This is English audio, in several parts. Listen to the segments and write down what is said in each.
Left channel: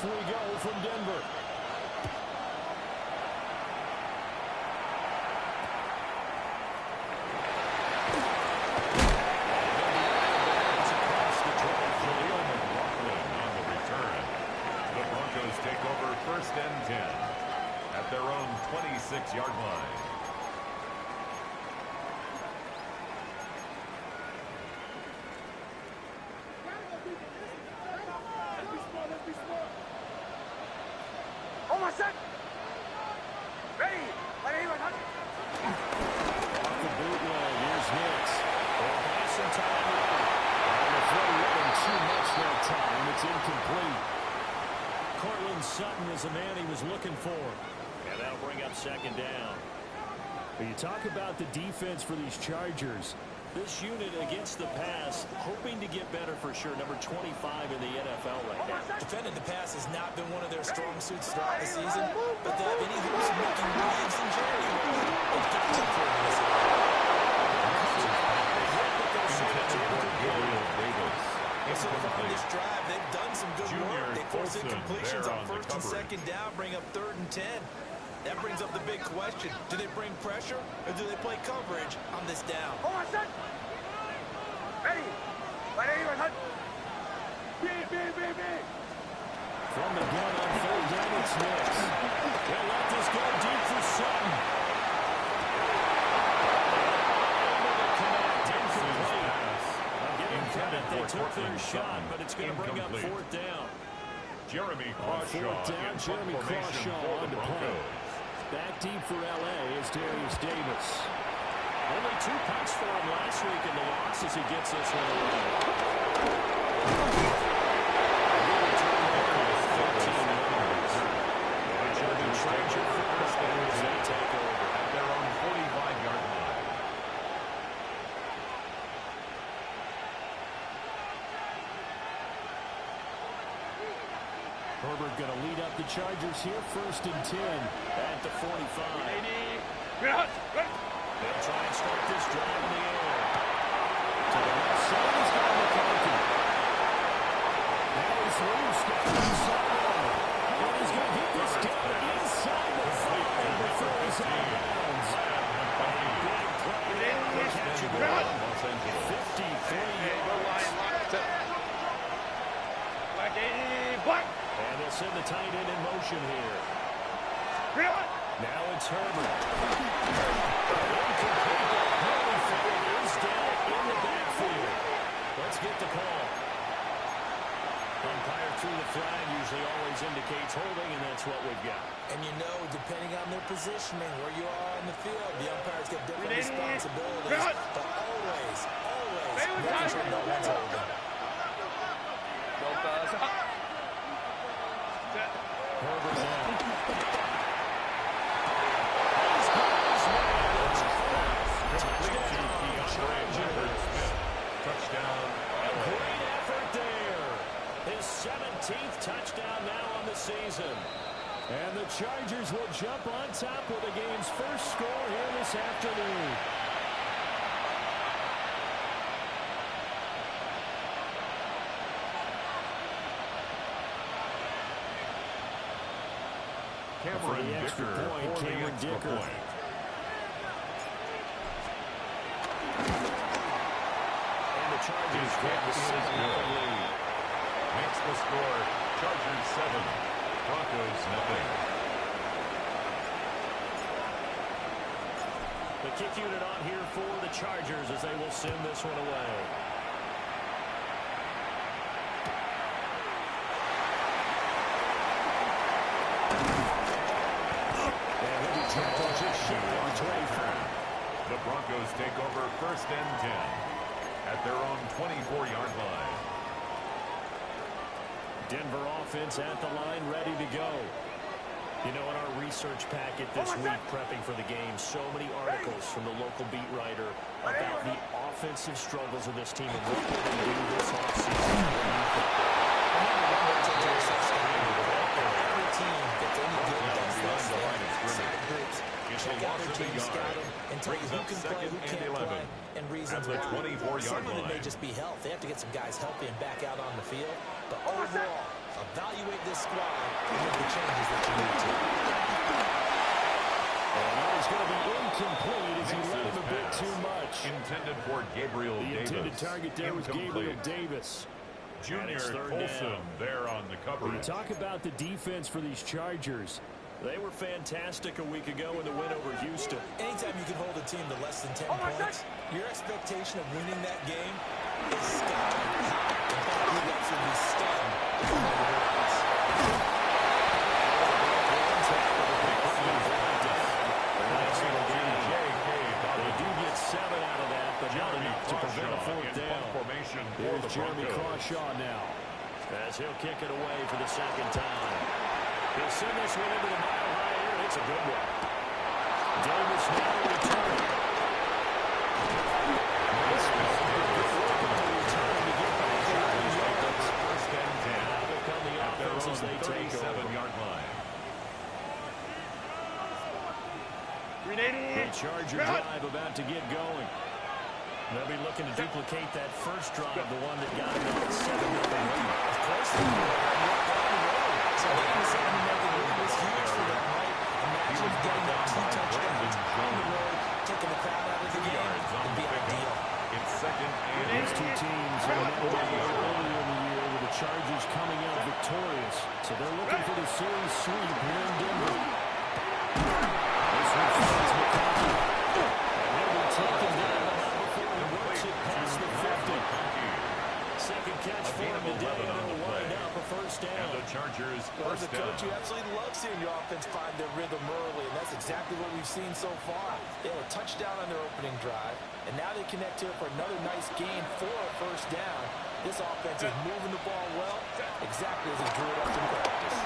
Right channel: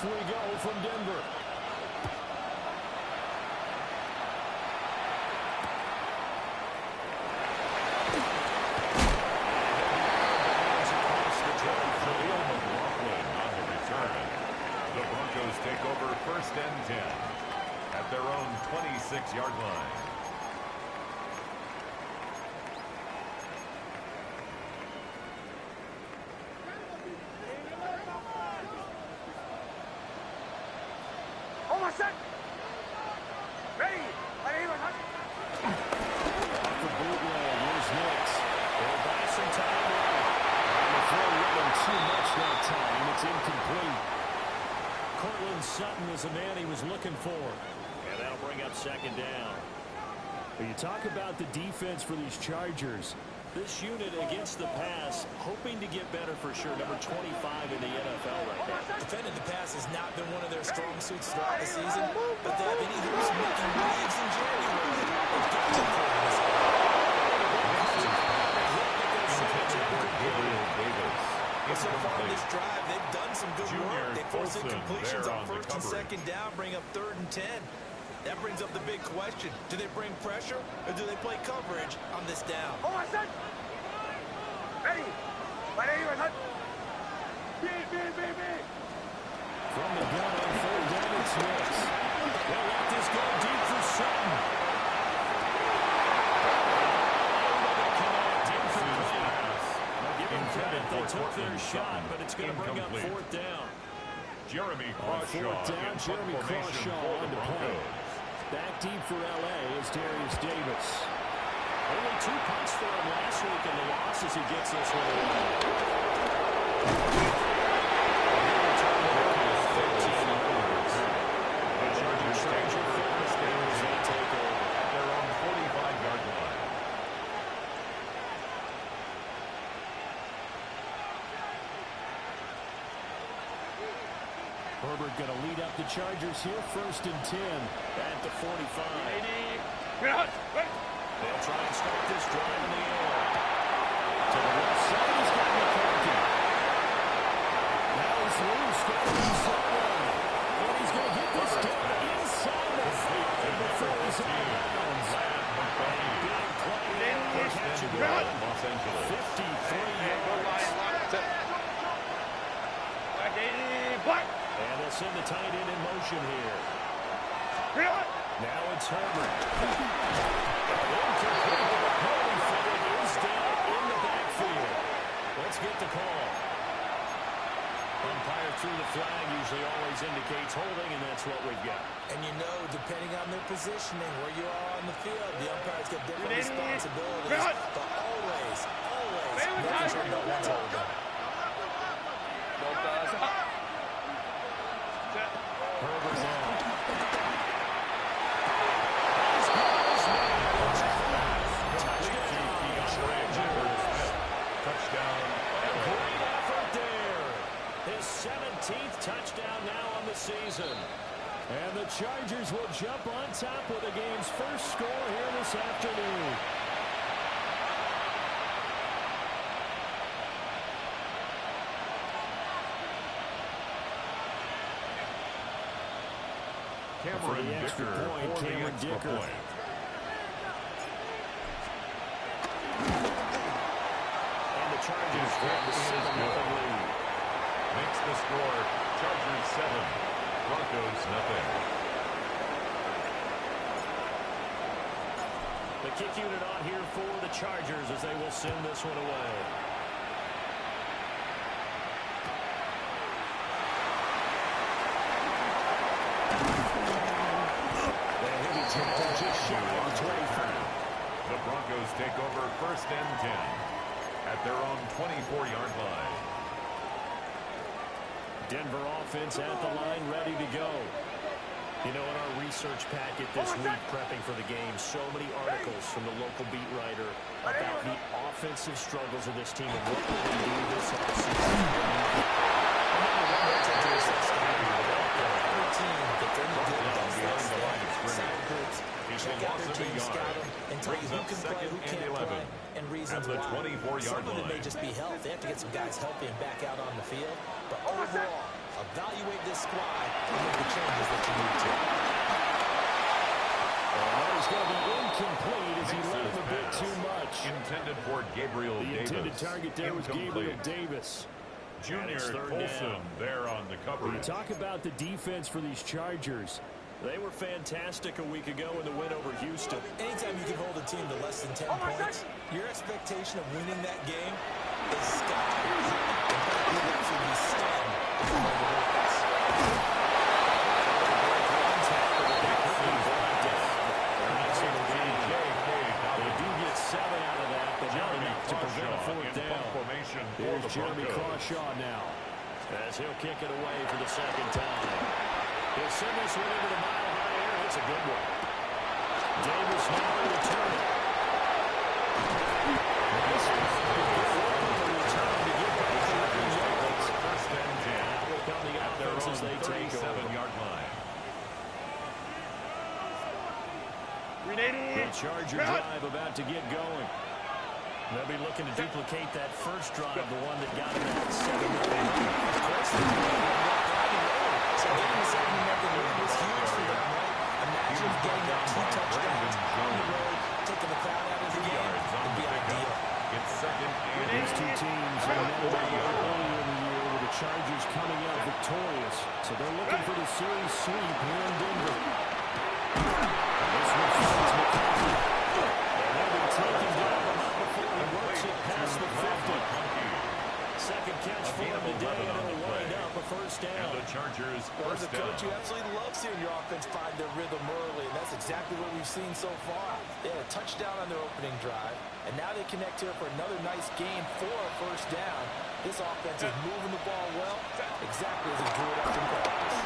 Off we go from Denver. The Broncos take over 1st and 10 at their own 26-yard line. Off the bootleg, here's Hicks. They'll buy some time late. And the throw wasn't too much that time. It's incomplete. Cortland Sutton is the man he was looking for. And that'll bring up 2nd down. But you talk about the defense for these Chargers. This unit against the pass, hoping to get better for sure. Number 25 in the NFL right now. Defending the pass has not been one of their strong suits throughout the season, but they have any hoops making waves in January. They've got to improve in this area. So far in this drive, they've done some good work. They forced incompletions on 1st and 2nd down, bring up 3rd and 10. That brings up the big question. Do they bring pressure or do they play coverage on this down? Ready. From the gun on 3rd down, it's Hicks. They'll let this go deep for Sutton. Able to connect. Incomplete. I'll give them credit. They took their shot, but it's going to bring up 4th down. Jeremy On Crawshaw 4th down, Jeremy Crawshaw on the play. Back deep for L.A. is Darius Davis. Only 2 punts for him last week in the loss as he gets this one away. The Chargers take over at their own 45-yard line. Herbert going to lead up the Chargers here, 1st and 10 at the 45. They'll try and start this drive in the air. To the left side, he's got McCarthy. Now he's loose, got the sideline. And he's going to get this down inside the 5 before he's out of bounds. Big play there for catch and run. 53 yards. And they'll send the tight end in motion here. Now it's Herbert. Incomplete. Holyfield is down in the backfield. Let's get the call. Umpire threw the flag, usually always indicates holding, and that's what we've got. And you know, depending on their positioning, where you are on the field, the umpires get different responsibilities. But always, making sure no one's holding. Herbert now. Touchdown. Great effort there. His 17th touchdown now on the season. And the Chargers will jump on top with the game's first score here this afternoon. Cameron Dicker Cameron Dicker. And the Chargers grab the 7-0 lead. Makes the score Chargers 7, Broncos nothing. The kick unit on here for the Chargers as they will send this one away. The Broncos take over 1st and 10 at their own 24-yard line. Denver offense at the line, ready to go. You know, in our research packet this week, prepping for the game, so many articles from the local beat writer about the offensive struggles of this team and what will they do this offseason. Every team that's any good does this. They have side groups, check out their team, scout them, and tell you who can play, who can't play, and reasons why. Some of it may just be health. They have to get some guys healthy and back out on the field. But overall, a evaluate this squad and make the changes that you need to. And that is going to be incomplete as he let him a bit too much. Intended for Gabriel Davis. The intended target there was Gabriel Davis. Junior Colson there on the coverage. When you talk about the defense for these Chargers, they were fantastic a week ago in the win over Houston. Anytime you can hold a team to less than 10 points, your expectation of winning that game is sky high. In fact, you'd actually be stunned if you hold the Ravens. They do get 7 out of that, but not enough to prevent a fourth down. Here's Jeremy Crawshaw now, as he'll kick it away for the second time. He'll send this one into the mile-high air, and it's a good one. Davis now returning. This is return to get back to 11 yards. First and 10. Now will come the offense as they take over. 37-yard line. The Charger drive about to get going. They'll be looking to duplicate that first drive, the one that got them that 7-0 lead. Of course, they're driving road. So getting the 7-0 lead was huge for them, right? Imagine getting that 2 touchdowns on the road, taking the crowd out of the game. It'd be ideal. It's second and These two teams are earlier in the year with the Chargers coming out victorious. So they're looking for the series sweep here in Denver. This one finds McConkey. And they'll be taken down, but not before he works it past the 50. Second catch for him today, and it'll wind up a first down. And the Chargers Well, as first a coach, down. you absolutely love seeing your offense find their rhythm early, and that's exactly what we've seen so far. They had a touchdown on their opening drive, and now they connect here for another nice game for a first down. This offense is moving the ball well, exactly as it drew it up in practice.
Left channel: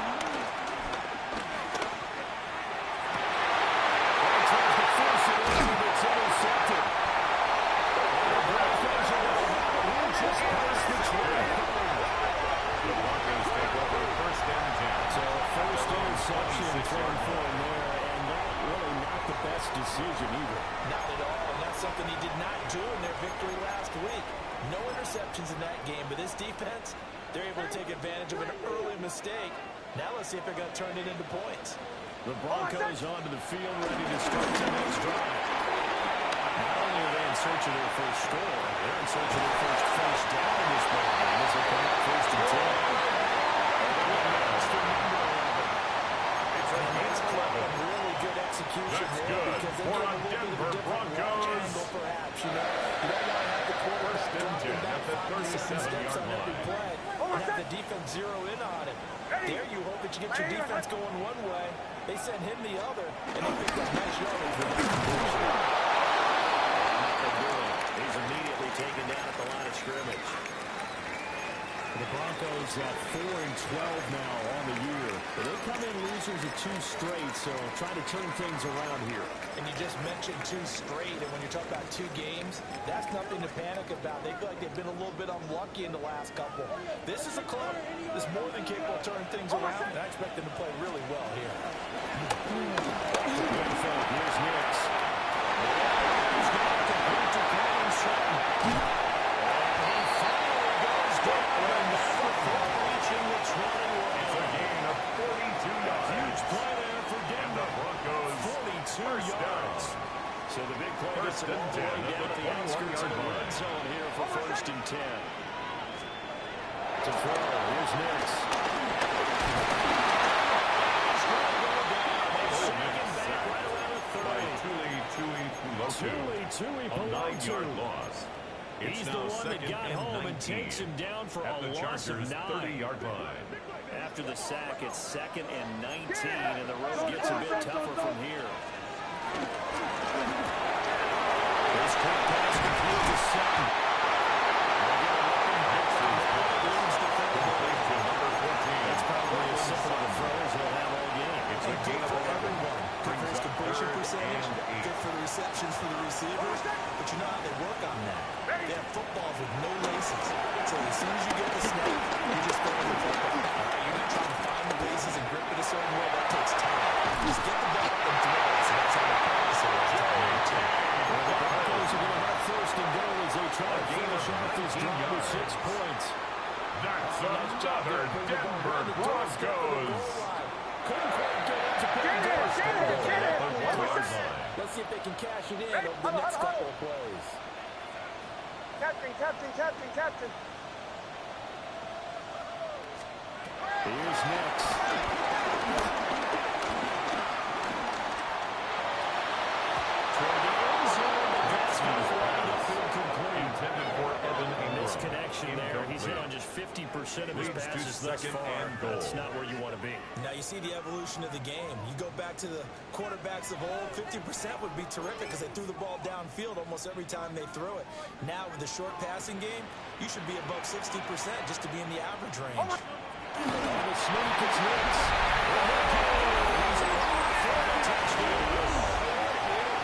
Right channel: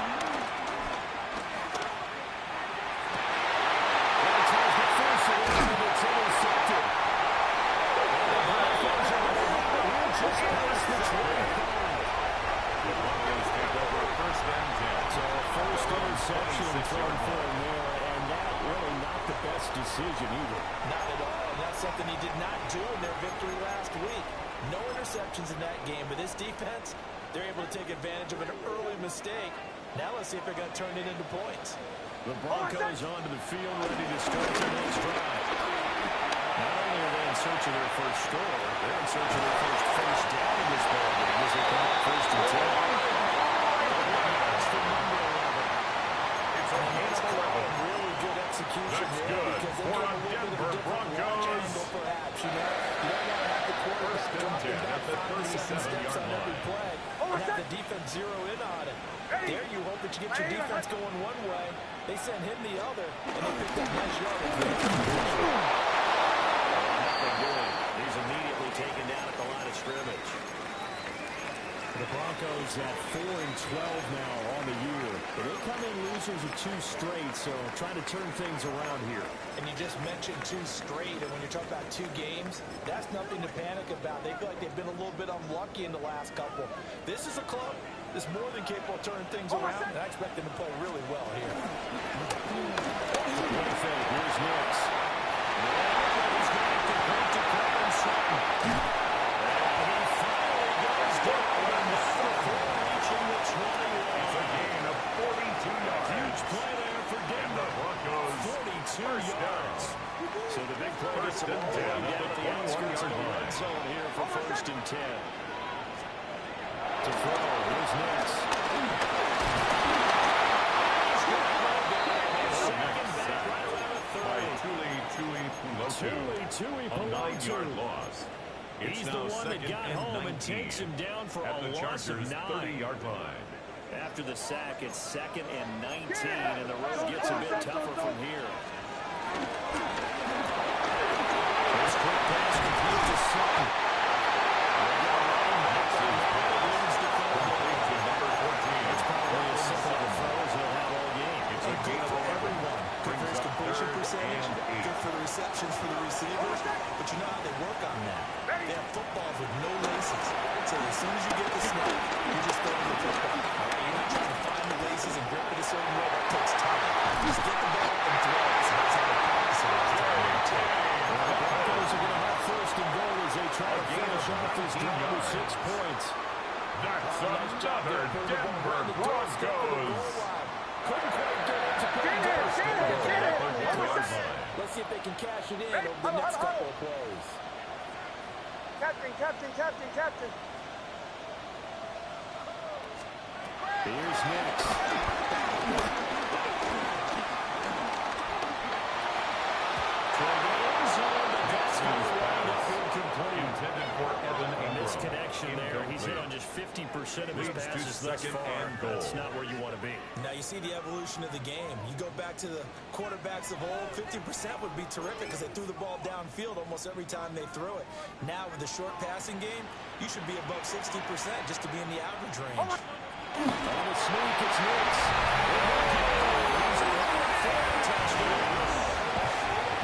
Tries to force it in, and it's intercepted. And the Broncos are going to have it here just past the 25. The Broncos take over first and 10. So a first interception thrown for him there, and that really not the best decision either. Not at all, and that's something he did not do in their victory last week. No interceptions in that game, but this defense, they're able to take advantage of an early mistake. Now let's see if they're going to turn it into points. The Broncos onto the field, ready to start their next drive. Not only are they in search of their first score, they're in search of their first down in this ballgame as they come up first and 10. That's the number 11. It's a gain of 11. Really good execution That's there good because they for gave a a little Denver bit of a different launch Broncos. angle, perhaps. You know, you don't want to have the quarterback First and dropping 10 back at the 5 to 7 steps 37-yard on every line. play and have the defense zero in on it. There you hope that you get your defense going one way. They send him the other, and they picked up nice yardage for that completion. Nothing doing. He's immediately taken down at the line of scrimmage. The Broncos at 4-12 now on the year. But they come in losers of 2 straight, so trying to turn things around here. And you just mentioned 2 straight, and when you talk about 2 games, that's nothing to panic about. They feel like they've been a little bit unlucky in the last couple. This is a club that's more than capable of turning things around, and I expect them to play really well here. Good fake. Here's Nix. He's going to complete to Coleman Sutton. And he finally goes down, but not before reaching the 21. It's a gain of 42 yards. Huge play there for And Denver. the Broncos 42 first yards. down. So the big play gets First the and ball 10 going at down the at the outskirts of the 21-yard red line. zone here for first and 10. To throw. Here's Nix. He's going to go down. They sack him back right around the 30. By Tuli Tui a Pulotu. 9-yard loss. It's He's the now one that second got and home 19 and takes him down for at a the loss of Chargers' 9. 30-yard line. After the sack, it's second and 19, and the road gets a bit tougher from here. This quick pass complete to Sutton. They get a running back from that. It leads the third Complete to number 14. It's probably as simple of a throw as he'll have all game. It's a gain of 11. Good for his completion percentage, and 8. good for the receptions for the receivers, but you know how they work on that. They have footballs with no laces, so as soon as you get the snap, you're just throwing the football. All right, you're not trying to find the laces and grip it a certain way. That takes time. Just get the ball up and throw it, so that's how they practice it all the time. The Broncos are going to have first and goal as they try to finish off this drive with 6 points. That's another Denver Broncos. Couldn't quite get into Let's see if they can cash it in over the next couple of plays. Captain. Here's next. Toward the end zone, but that's going to wind up incomplete. Intended for Evan Ingram. Misconnection there. He's hit on just 50% of his passes thus far. That's not where you want to be. Now you see the evolution of the game. You go back to the quarterbacks of old, 50% would be terrific because they threw the ball downfield almost every time they threw it. Now with the short passing game, you should be above 60% just to be in the average range. On the sneak, it's Hicks. He's around for a touchdown.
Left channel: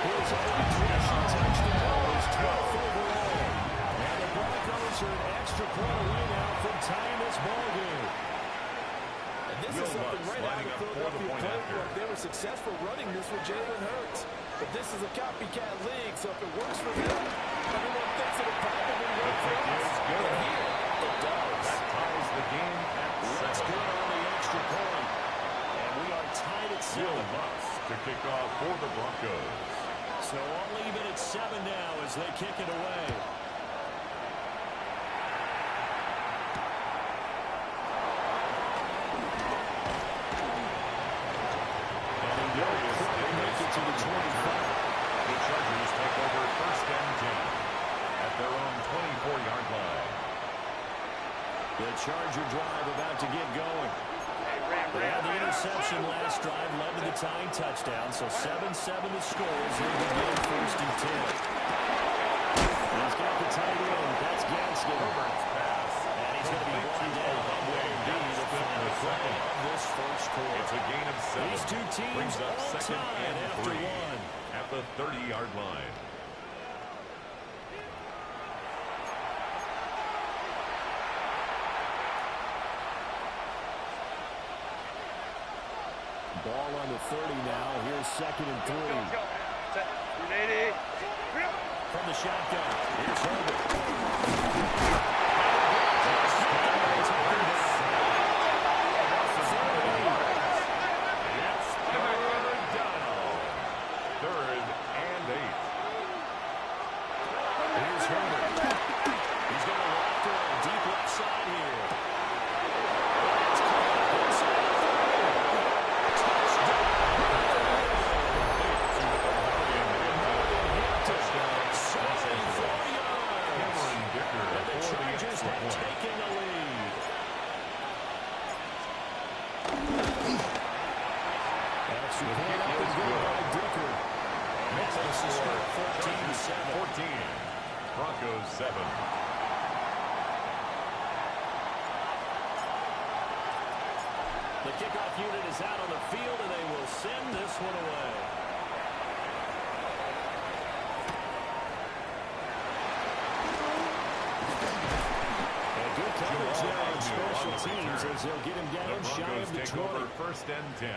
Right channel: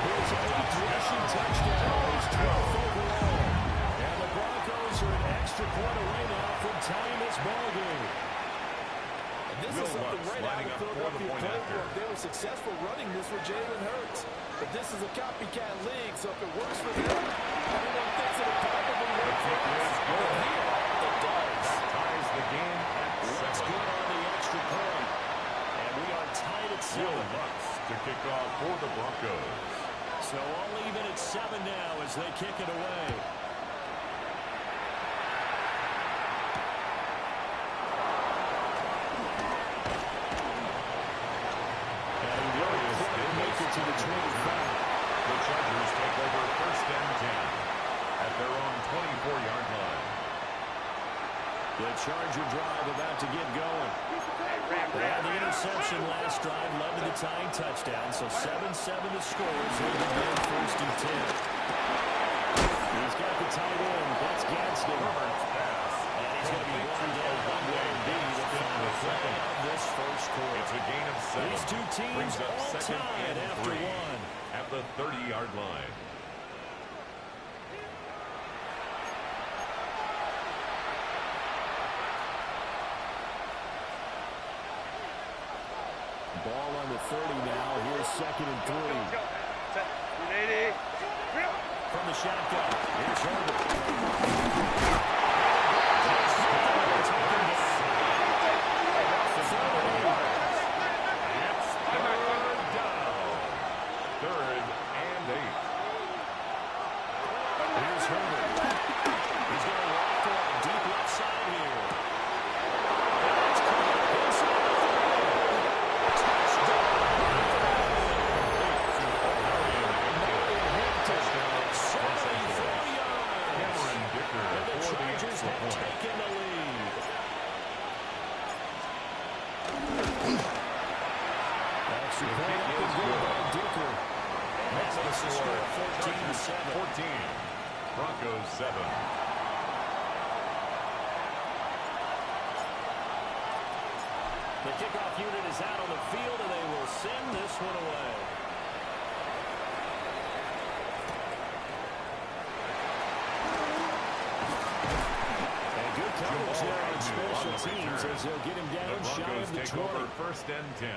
His 8th rushing touchdown, his 12th overall. And the Broncos are an extra point away now from tying this ball game. And this is something right out of Philadelphia playbook. They were successful running this with Jalen Hurts. But this is a copycat league, so if it works for them, everyone thinks it'll probably work for us. But here, it does. That ties the game at 7. That's good on the extra point. And we are tied at 7. Will Lutz to kick off for the Broncos. So all even at 7 now as they kick it away. And he will make it to the 25. The Chargers take over 1st and 10 at their own 24-yard line. The Charger drive about to get going. They had the interception last drive, led to the tying touchdown, so 7-7 the score as they begin 1st and 10. He's got the tight end. That's Gadsden. Herbert's pass. And he's going to be brought down on what will be the final play of this first quarter. It's a gain of 7. These two teams brings up all 2nd tied and after 3 one. at the 30-yard line. Ball on the 30 now. Here's 2nd and 3. From the shotgun, here's Herbert. It's 3rd down. 3rd and 8. Here's Herbert. He's going to walk for a deep left side here. And that's caught inside the 30. Touchdown. Touchdown. 74 yards. Cameron Dicker And the for the Chargers extra have point. taken the lead. Extra The point kick up is and good good. by Dicker. Makes the Makes the score score 14-7. 14. Broncos 7. The kickoff unit is out on the field, and they will send this one away. And good coverage there on special teams as they'll get him down shy of the 20. Over 1st and 10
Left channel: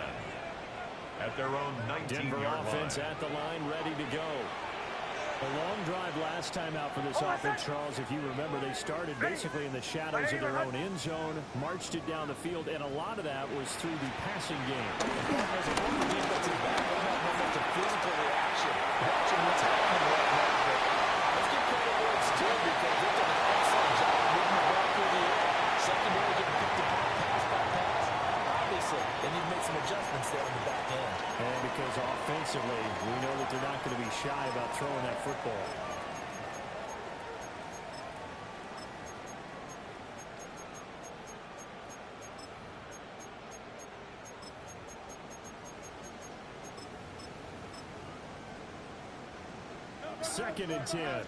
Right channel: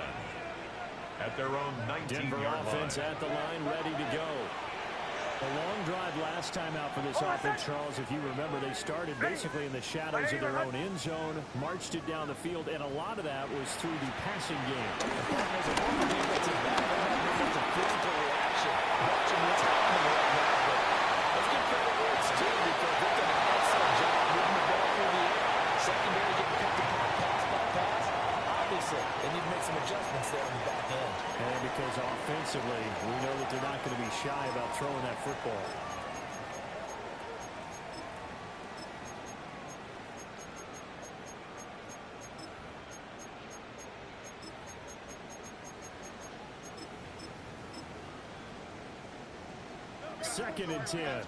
at their own 19-yard Denver line. offense at the line, ready to go. A long drive last time out for this offense, Charles. If you remember, they started basically in the shadows of their own end zone, marched it down the field, and a lot of that was through the passing game. As a former defensive back, I have no much of physical reaction watching what's happening right now. But let's give credit where it's due because they've done an excellent job moving the ball through the air. Secondary getting picked apart pass by pass. Obviously, they need to make some adjustments there on the back end. And because offensively, we know that they're not going to be shy about throwing that football. Second and 10.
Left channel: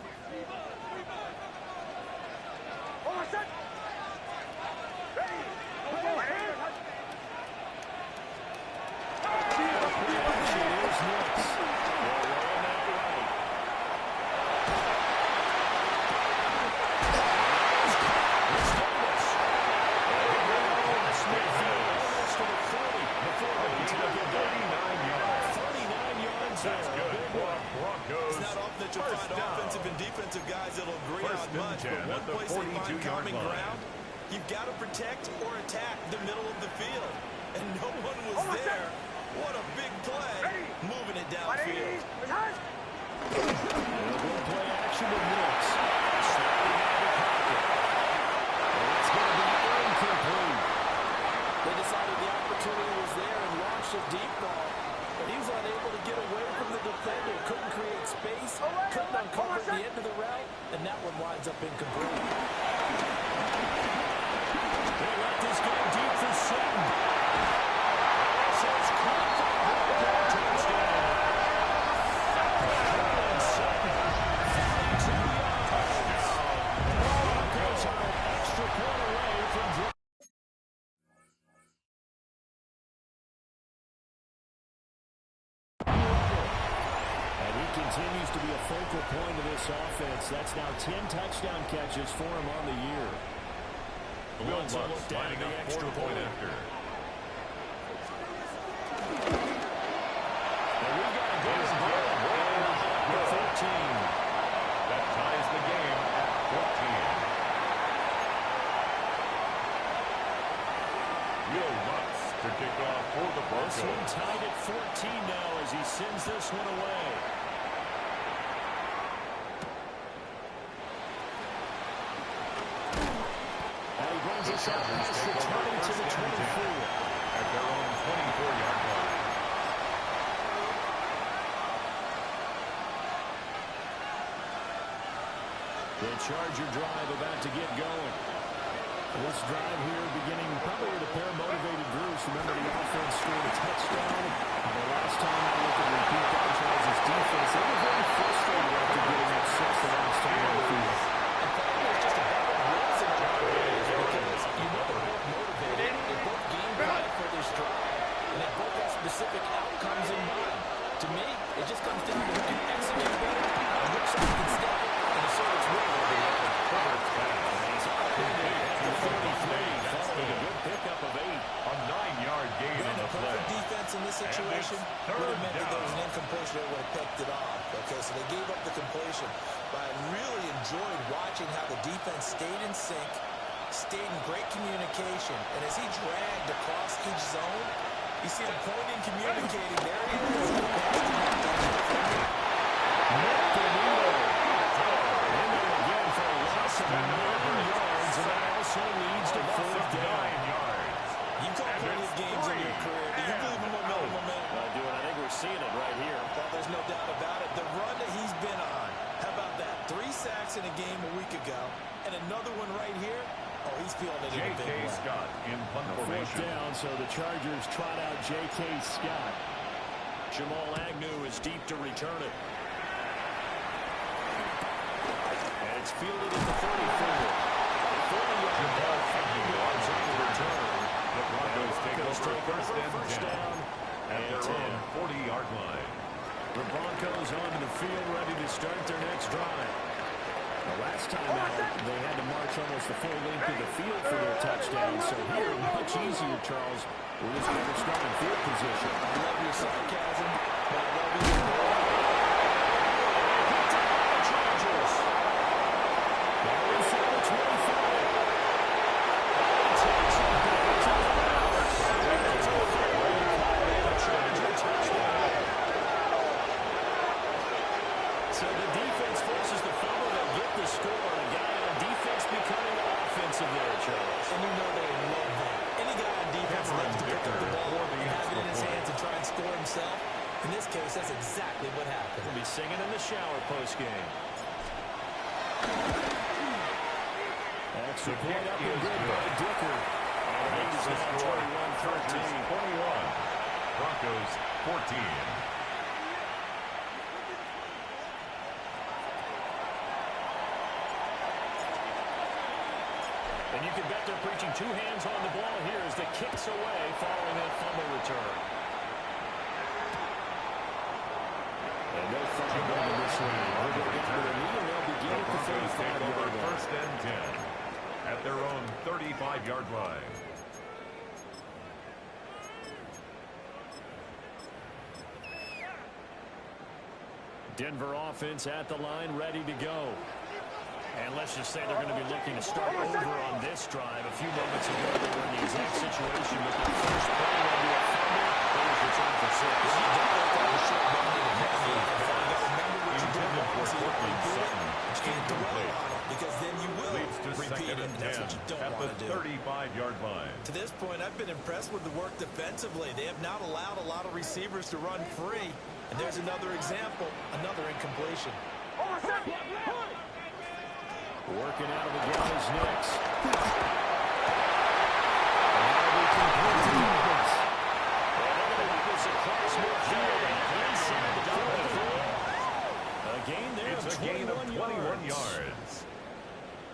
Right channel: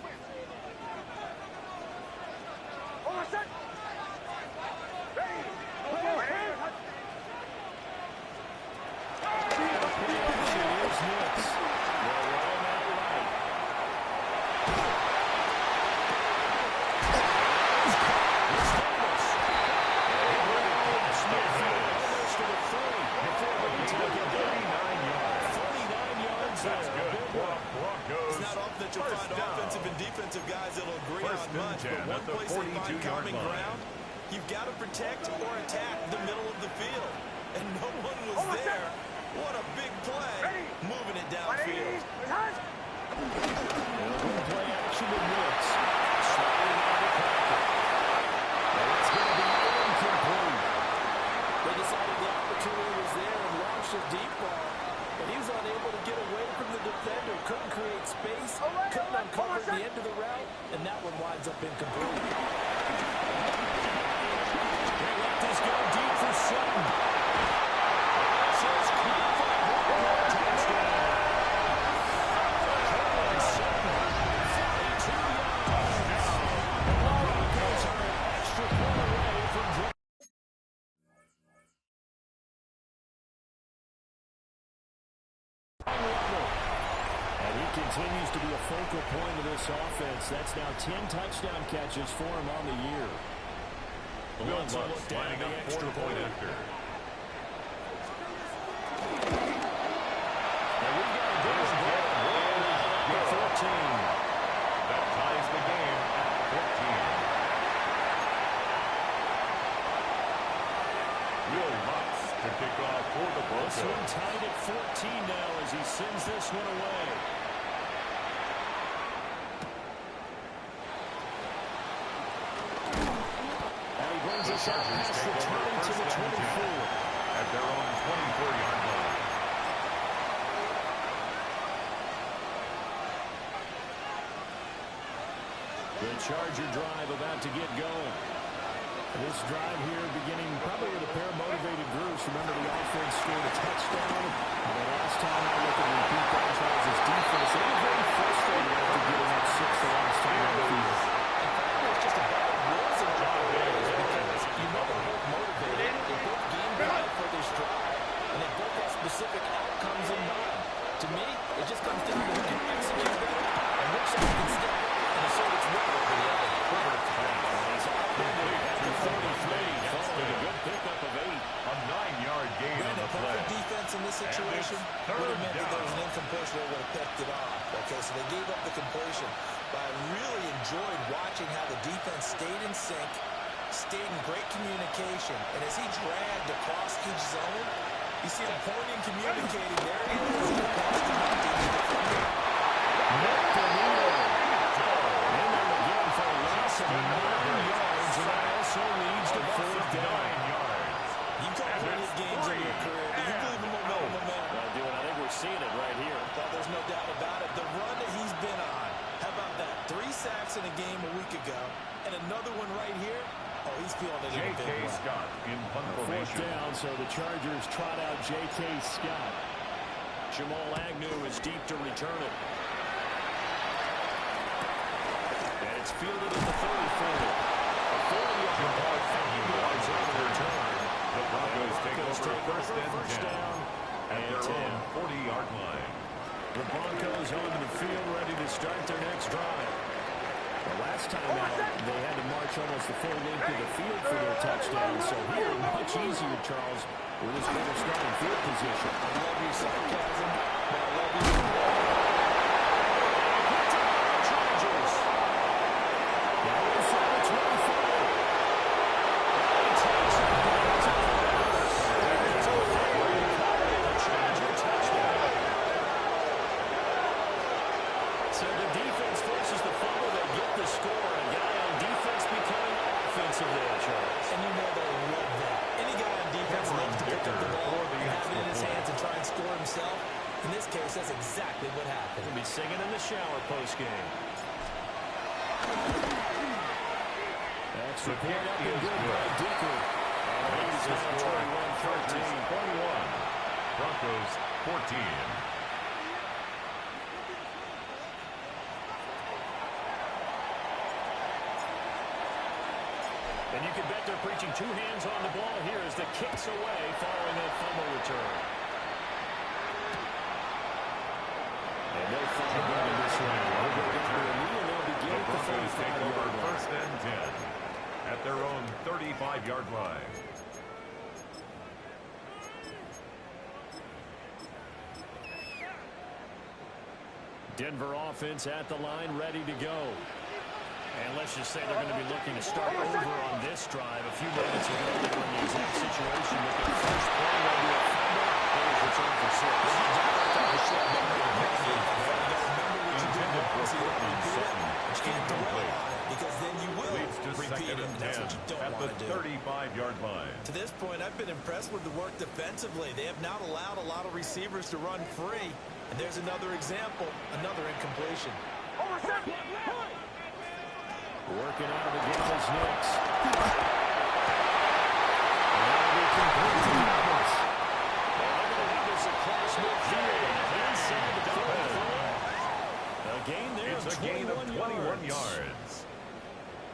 That's good for Broncos. It's not often that you'll find offensive and defensive guys that'll agree on much, but one place they find common ground You've got to protect or attack the middle of the field. And no one was there. What a big play. Moving it downfield. They'll go play action with Woods. Sliding out of the pocket. And it's going to be incomplete. They decided the opportunity was there and launched a deep ball. But he was unable to get away from the defender. Couldn't create space. Couldn't uncover the end of the route. And that one winds up incomplete. They let this go deep for Sutton. This is caught for a touchdown. Colin Sutton, 42 yards. And the Broncos are an extra point away from drawing. And he continues to be a focal point of this offense. That's now 10 touchdown catches for him on the year. Will Bucks lining up for the point after. And we've got a good one. 14. That ties the game at 14. Will Lutz to kick off for the Broncos. This one tied at 14 now as he sends this one away. And he brings us up past returning to the 24. At their own 24-yard line. The Charger drive about to get going. This drive here beginning probably with a pair of motivated groups. Remember, the offense scored a touchdown. The last time I looked at repeat that, Charles' defense, they were very frustrated after getting up 6 the last time on the field. In fact, it was just a battle of wills in a lot of ways because you know they're both motivated. They both game plan for this drive, and they both have specific outcomes in mind. To me, it just comes down to who can execute better and which side can step up and assert its will over the other. Herbert's pass. And he's upended at the 43, following a good pickup of 8. A 9-yard gain on the play. Perfect defense in this situation would have meant that there was an incompletion that would have picked it off. Okay, so they gave up the completion. But I really enjoyed watching how the defense stayed in sync, stayed in great communication. And as he dragged across each zone, you see him pointing, communicating. There he is. He passed him up to the defender. In there again for a loss of 9 yards, and that also leads to 4th down. 9 yards. You've caught plenty of games in your career. Do you believe in momentum? I do, and I think we're seeing it right here. Well, there's no doubt about it. The run that he's been on, how about that? 3 sacks in a game a week ago, and another one right here. Oh, he's feeling it in a big way. J.K. Scott in punt formation. 4th down, so the Chargers trot out J.K. Scott. Jamal Agnew is deep to return it. And it's fielded at the 34. A 40-yard ball, 5 yards on the return. The Broncos take over first down at their 10. own 40-yard line. The Broncos onto the field, ready to start their next drive. The last time out, they had to march almost the full length of the field for their touchdown. So here, much easier, Charles, with this better starting field position. I love your sarcasm, but I love you more. Picked up by the Chargers. Now inside the 25. And he takes it back to the house. It's a Charger touchdown. So the defense forces the fumble. They get the score. And a guy on defense becoming offensive there, Charles. And you know they love that. Any guy on defense loves to pick up the ball and have it in his hands and try and score himself. In this case, that's exactly what happened. He'll be singing in the shower post-game. Extra point up and good by Dicker. And the lead is now 21-13. 21. Broncos 14. And you can bet they're preaching 2 hands on the ball here as the kick's away following that fumble return. And no fumble going this way. They'll go down to the knee and they'll begin at the 35-yard line. First and 10 at their own 35-yard line. Denver offense at the line, ready to go. And let's just say they're going to be looking to start over on this drive. A few moments ago, they were in the exact situation with their first play led to a fumble. They was returned for 6. You definitely got a short memory to pass. You got to remember what you did once. You can't dwell on it, because then you will repeat it, and that's what you don't want to do. At the 35-yard line. To this point, I've been impressed with the work defensively. They have not allowed a lot of receivers to run free. And there's another example, another incompletion. Working out of the game is Nix. That'll be complete to Evans. And they're going to lead this across midfield inside the 43. A gain there It's of a gain of 21 yards.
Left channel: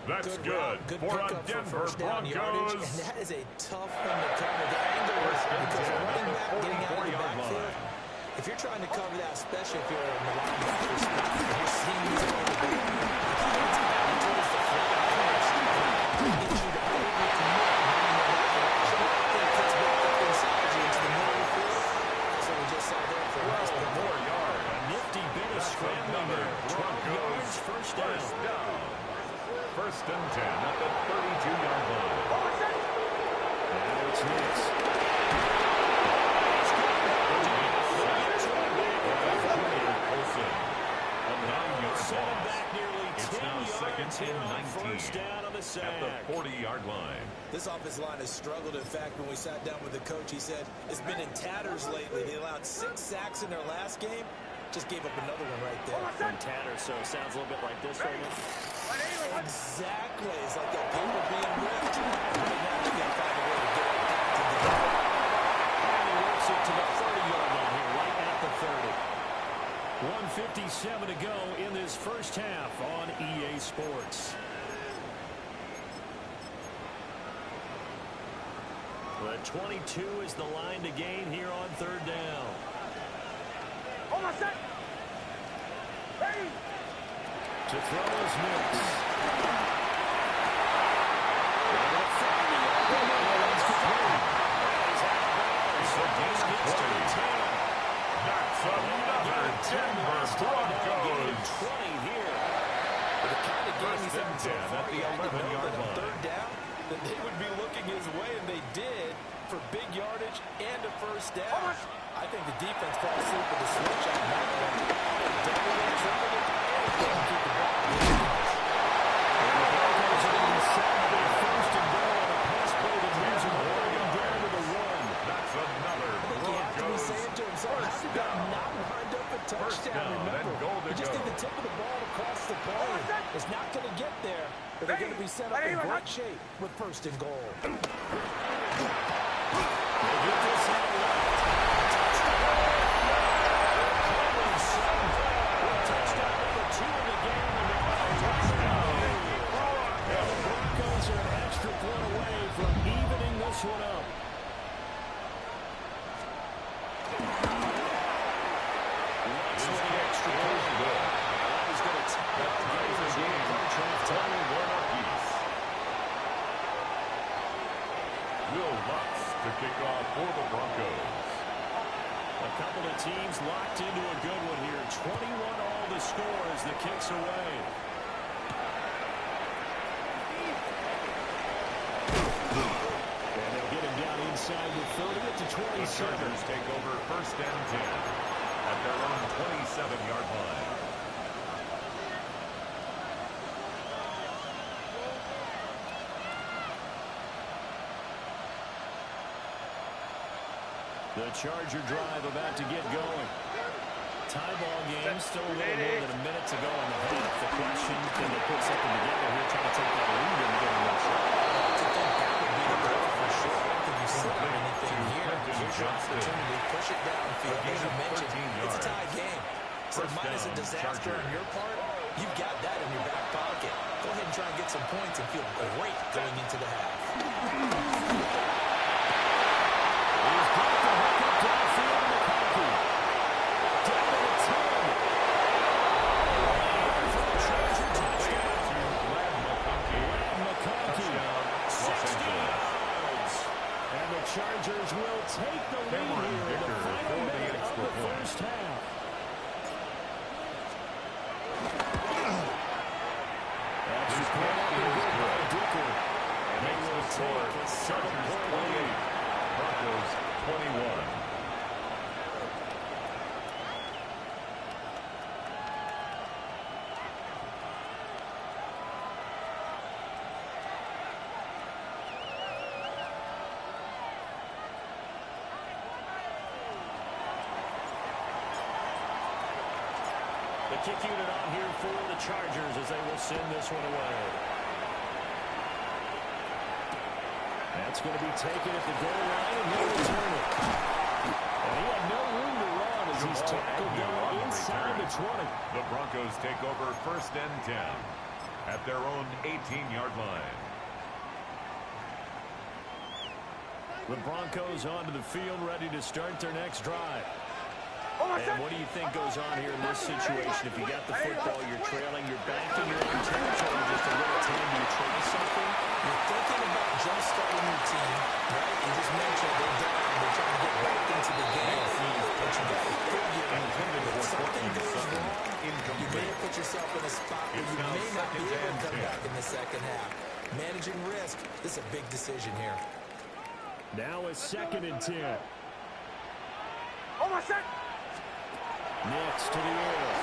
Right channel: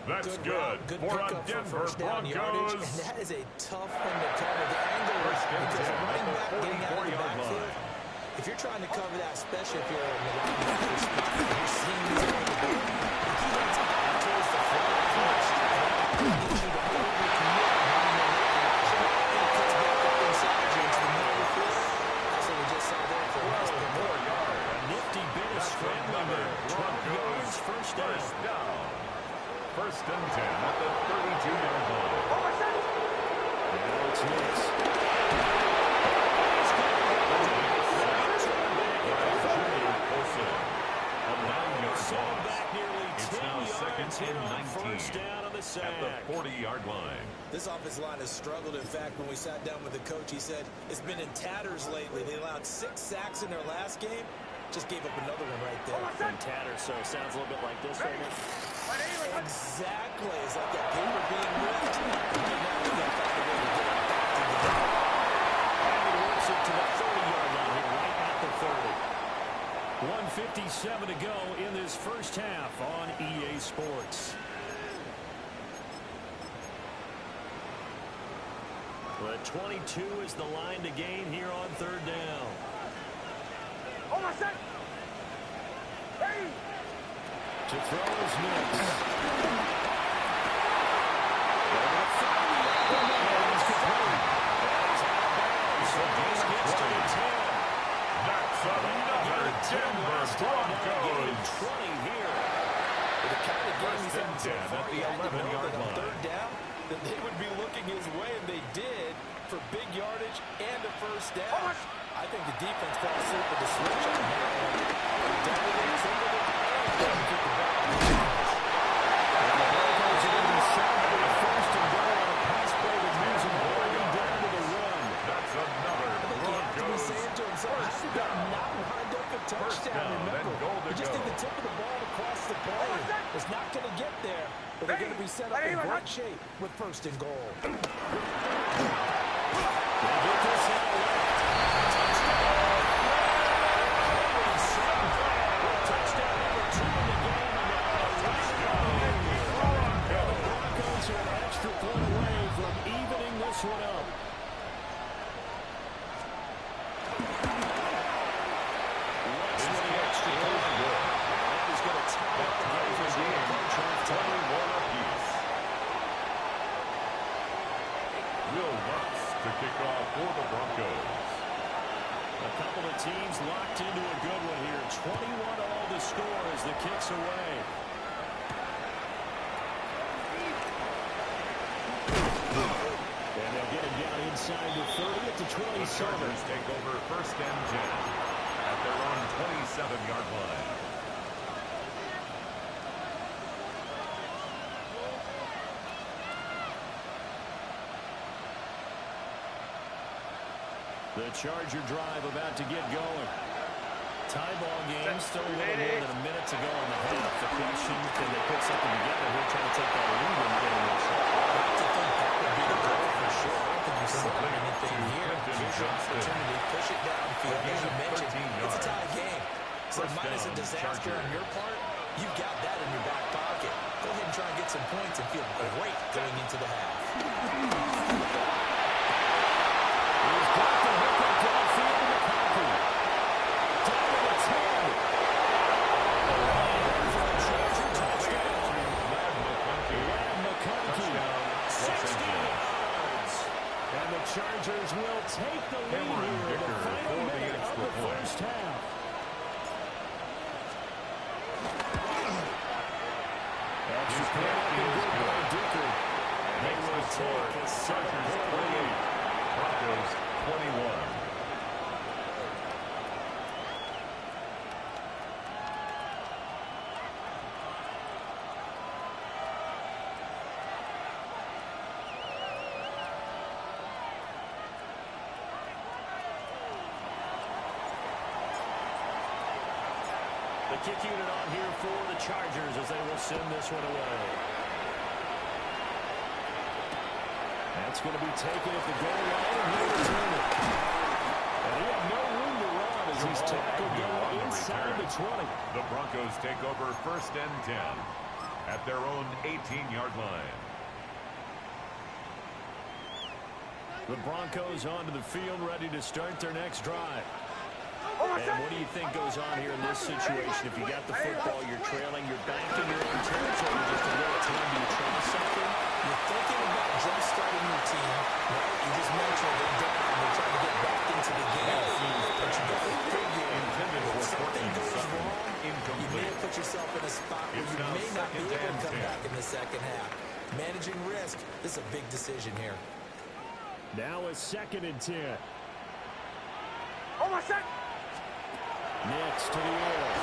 That's good for a Denver Broncos. And that is a tough one to cover. The angle is because a running back getting out of the backfield. If you're trying to cover that, especially if you're in the linebacker spot, and you're seeing these over the ball, he gets out towards the flat first. It gets you to overcommit running in that direction. Then it cuts back up inside you into the middle of the field. That's what we just saw there for a nice pick. More yards. A nifty bit of scrambling there. 12 yards, first down. First and 10 at the 32-yard line. Now it's Nix. A 9-yard loss. Back nearly 10 it's now second and 19 first down on the sack. at the 40-yard line. This offensive line has struggled. In fact, when we sat down with the coach, he said it's been in tatters lately. They allowed 6 sacks in their last game. Just gave up another one right there. In tatters, so it sounds a little bit like this right now. Exactly. It's like that paper being ripped. Right now, they got to find a way to get it back together. And he works it to the 30-yard line here, right at the 30. 1:57 to go in this first half on EA Sports. The 22 is the line to gain here on third down. To throw is Nix. Going to find the open man. He's complete. And he's out of bounds. So this gets to the 10. That's another Denver Broncos. 20 here. With the kind of game he's having so far, at the you had to know 11-yard that on line. third down, that they would be looking his way, and they did, for big yardage and a first down. I think the defense fell asleep with the switch on that one. I would double it, triple it, anything to keep the ball in the hands. And the Broncos are going to be sacked with a first and goal on a pass play that moves them all the way down to the 1. That's another I think he has to be Broncos saying to himself, how did that not wind up a touchdown? down and Remember, goal to you just go. need the tip of the ball across the play. It's not going to get there, but they're going to be set up in great shape with first and goal. They get this out left. Touchdown. Touchdown number 2 in the game, and now the Broncos are an extra point away from evening this one up. Looks for the extra point. That is going to tie the game. 21 apiece. Will Lutz to kick off for the Broncos. A couple of teams locked into a good one here. 21 all to score as the kick's away. And they'll get him down inside the 30 at the 27. The Chargers take over first and 10 at their own 27-yard line. The Charger drive about to get going. Tie ball game, still a little more than a minute to go in the half. The question, can they put something together here, trying to take that lead and get a shot? I think that would be the goal for sure. I don't think you sit on anything here. Here's your opportunity. Push it downfield. As you mentioned, it's a tie game. So minus a disaster on your part, you've got that in your back pocket. Go ahead and try and get some points and feel great going into the half. He's got the hook up downfield to McConkey. Down to the 10. For the Charger touchdown. Lad McConkey. 60 yards. And the Chargers will take the lead here in the final minute of the first half. That's point up and good by Dicker. And they Makes will the score. take a Chargers 7-point 28. lead. Broncos 21. The kick unit on here for the Chargers as they will send this one away. That's going to be taken at the goal line, and he'll return it. And he had no room to run as he's tackled down inside the 20. The Broncos take over 1st and 10 at their own 18-yard line. The Broncos onto the field, ready to start their next drive. And what do you think goes on here in this situation? If you got the football, you're trailing, you're back in your own territory, just a little time. Do you try something? You're thinking about jump-starting your team, right? You just mentioned they're down. They're trying to get back into the game. But you got to figure if something goes wrong, you may have put yourself in a spot where you may not be able to come back in the second half. Managing risk, this is a big decision here. Now a 2nd and 10. Oh, my son! Next to the air.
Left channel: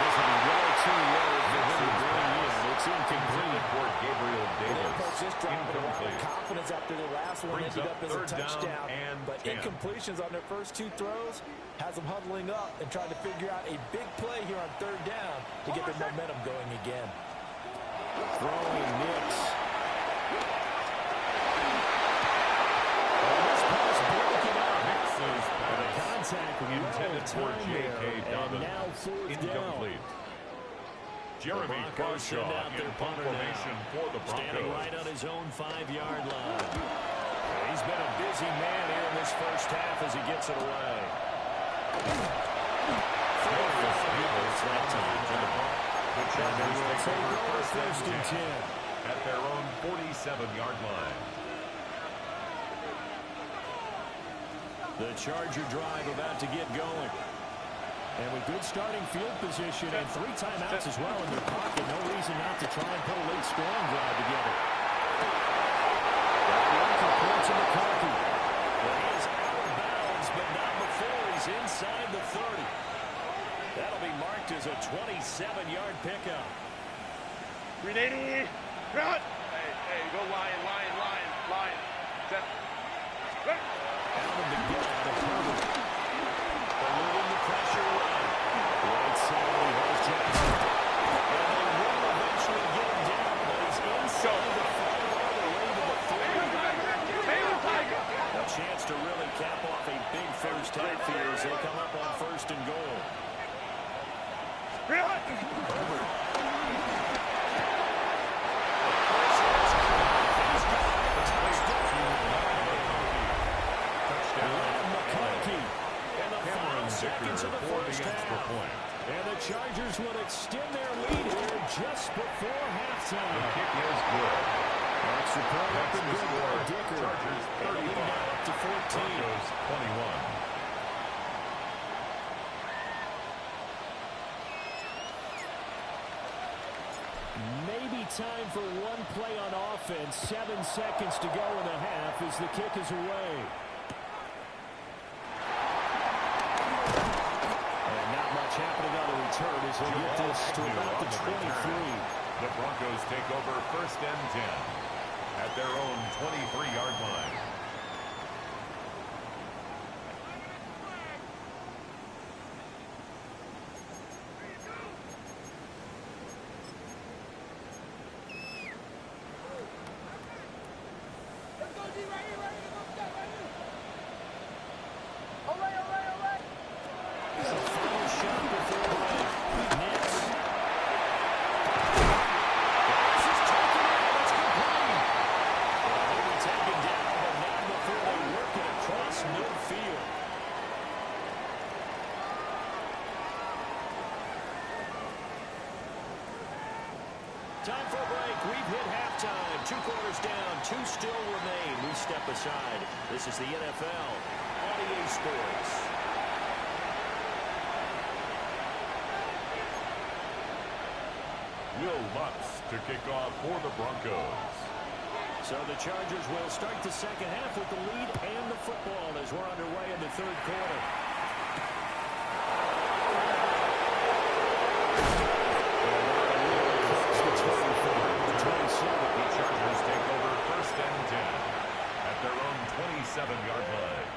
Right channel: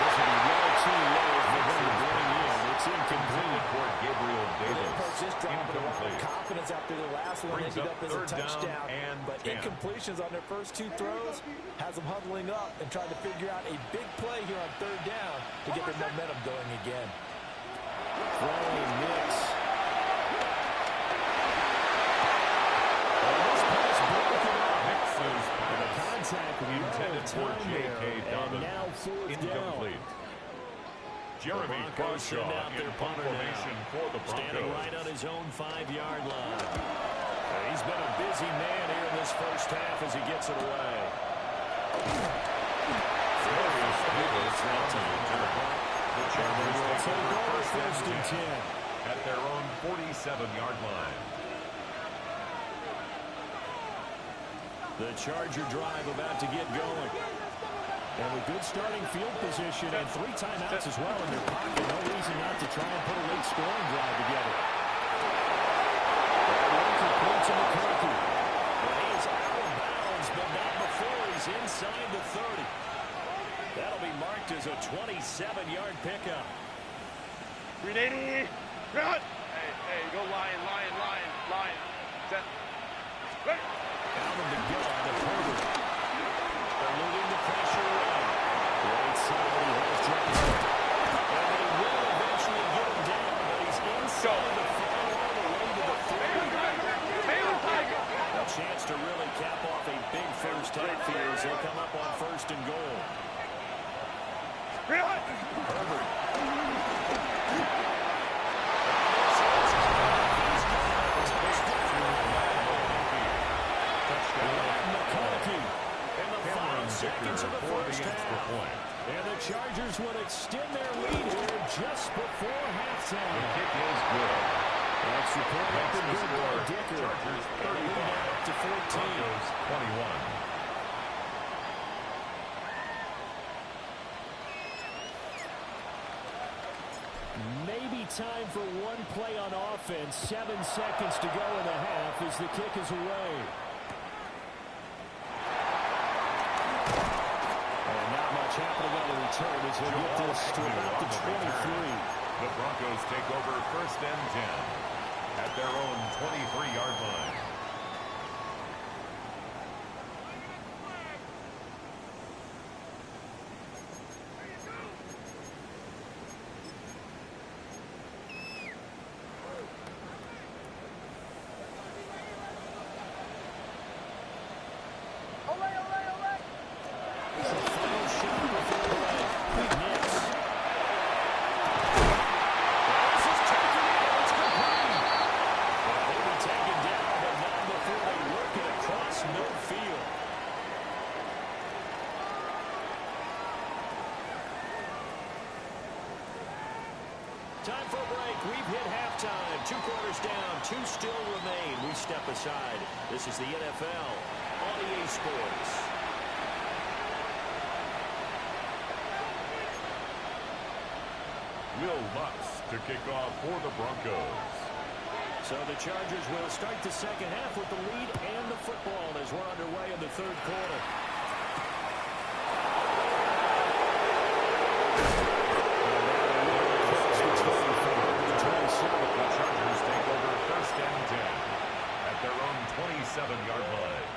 This will be way too low for him to bring in. It's incomplete for Gabriel They Davis. approach this drive with a lot of Incomplete. confidence after their last one. Brings Ended up up as a 3rd down touchdown. and But 10. incompletions on their first 2 throws has them huddling up and trying to figure out a big play here on 3rd down to get their momentum going again. Throwing Nix. And this pass broken up. Nix's And the pass contact intended for J.K. and Dobbins. now 4th down. Incomplete. Jeremy Broncos send Crawshaw out their in punter formation now. for the Standing Broncos. right on his own 5-yard line. He's been a busy man here in this first half as he gets it away. Darius Davis that on the time. return. The Chargers take over 1st and 10 10. at their own 47-yard line. The Charger drive about to get going. And with good starting field position and 3 timeouts as well in their pocket, no reason not to try and put a late scoring drive together. That one complete to McCarthy. Well, he is out of bounds, but not before he's inside the 30. That'll be marked as a 27-yard pickup. 380. Run. Hey, go lion. Set. Ready. Out of the gun to Herbert. Eluding the pressure right. Right side, he has Jackson. And they will eventually get him down, but he's inside the 5 all the way to the 3. A chance to really cap off a big first half here as they come up on 1st and goal. Herbert. McCarthy. And the 5 seconds of the first half. And the Chargers would extend their lead here just before halftime. The kick is good. Extra point up and good by Dicker. Chargers And the lead 35. now up to 14. Broncos 21. Maybe time for one play on offense. 7 seconds to go in the half as the kick is away. And not much happening on the return as he'll get this to about the 23. The Broncos take over 1st and 10 at their own 23-yard line. The final shot before the break. Nix. This is taken in. It's complete. Well, he'll be taken down, but not before they work it across midfield. Time for a break. We've hit halftime. 2 quarters down. 2 still remain. We step aside. This is the NFL on EA Sports. Will Lutz to kick off for the Broncos. So the Chargers will start the second half with the lead and the football as we're underway in the third quarter. The Chargers take over first and 10 at their own 27-yard line.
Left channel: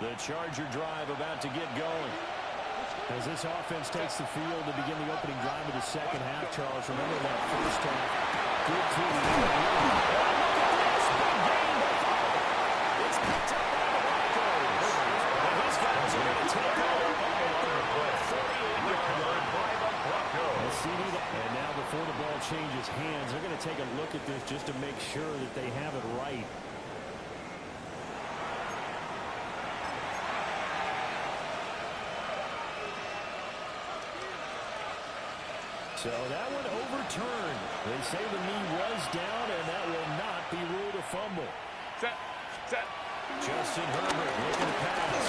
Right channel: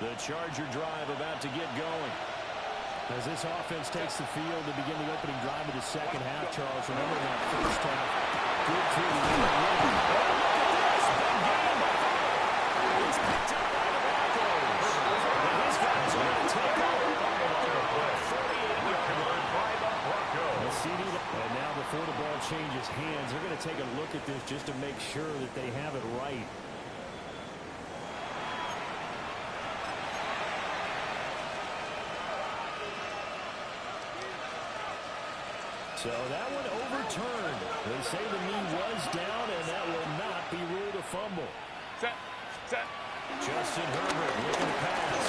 The Charger drive about to get going. As this offense takes the field to begin the opening drive of the second half, Charles, remember that first half. Good team. Look at this. Big game by Fuller. It's picked up by the Broncos. And these guys are going to take over on the 48-yard line by the Broncos. And now before the ball changes hands, they're going to take a look at this just to make sure that they have it right. So that one overturned. They say the knee was down, and that will not be ruled a fumble. Set. Justin Herbert looking to pass.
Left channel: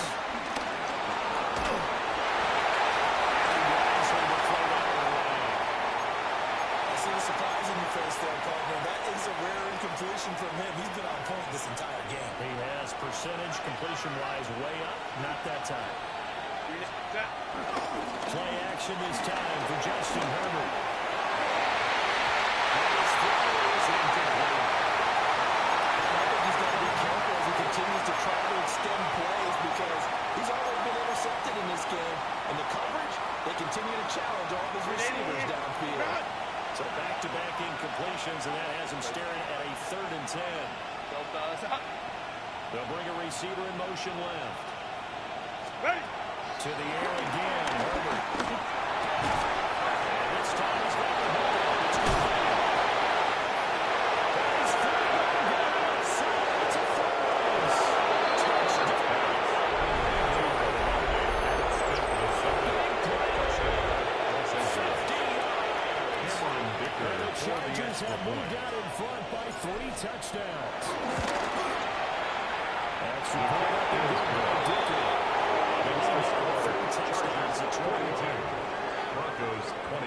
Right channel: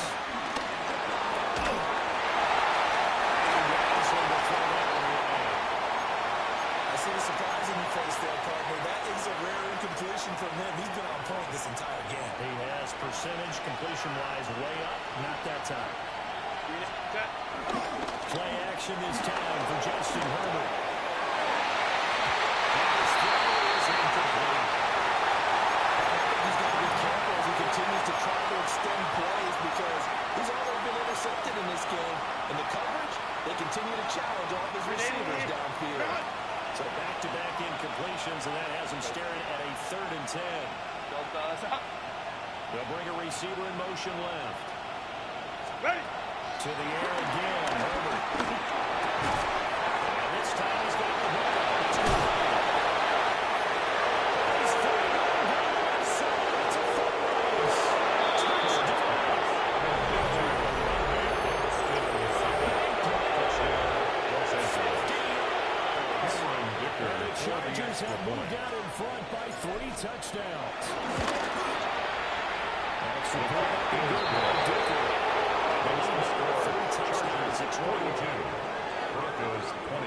I see the surprise in your face there, partner. That is a rare incompletion from him. He's been on point this entire game. He has percentage completion-wise way up. Not that time. Set. Play action this time for Justin Herbert. And his throw is incomplete. And I think he's got to be careful as he continues to try to extend plays because he's already been intercepted in this game. And the coverage, they continue to challenge all of his receivers downfield. So back-to-back incompletions, and that has him staring at a 3rd and 10. They'll bring a receiver in motion left. Ready. To the air again, Herbert. And this time he's got the hook on. It's complete. He's free going down. So it's a foot race. Touchdown. 50 yards. And the Chargers have moved out in front by 3 touchdowns. Extra point up and good by Dicker. Makes the score. Chargers at 22. Broncos 21.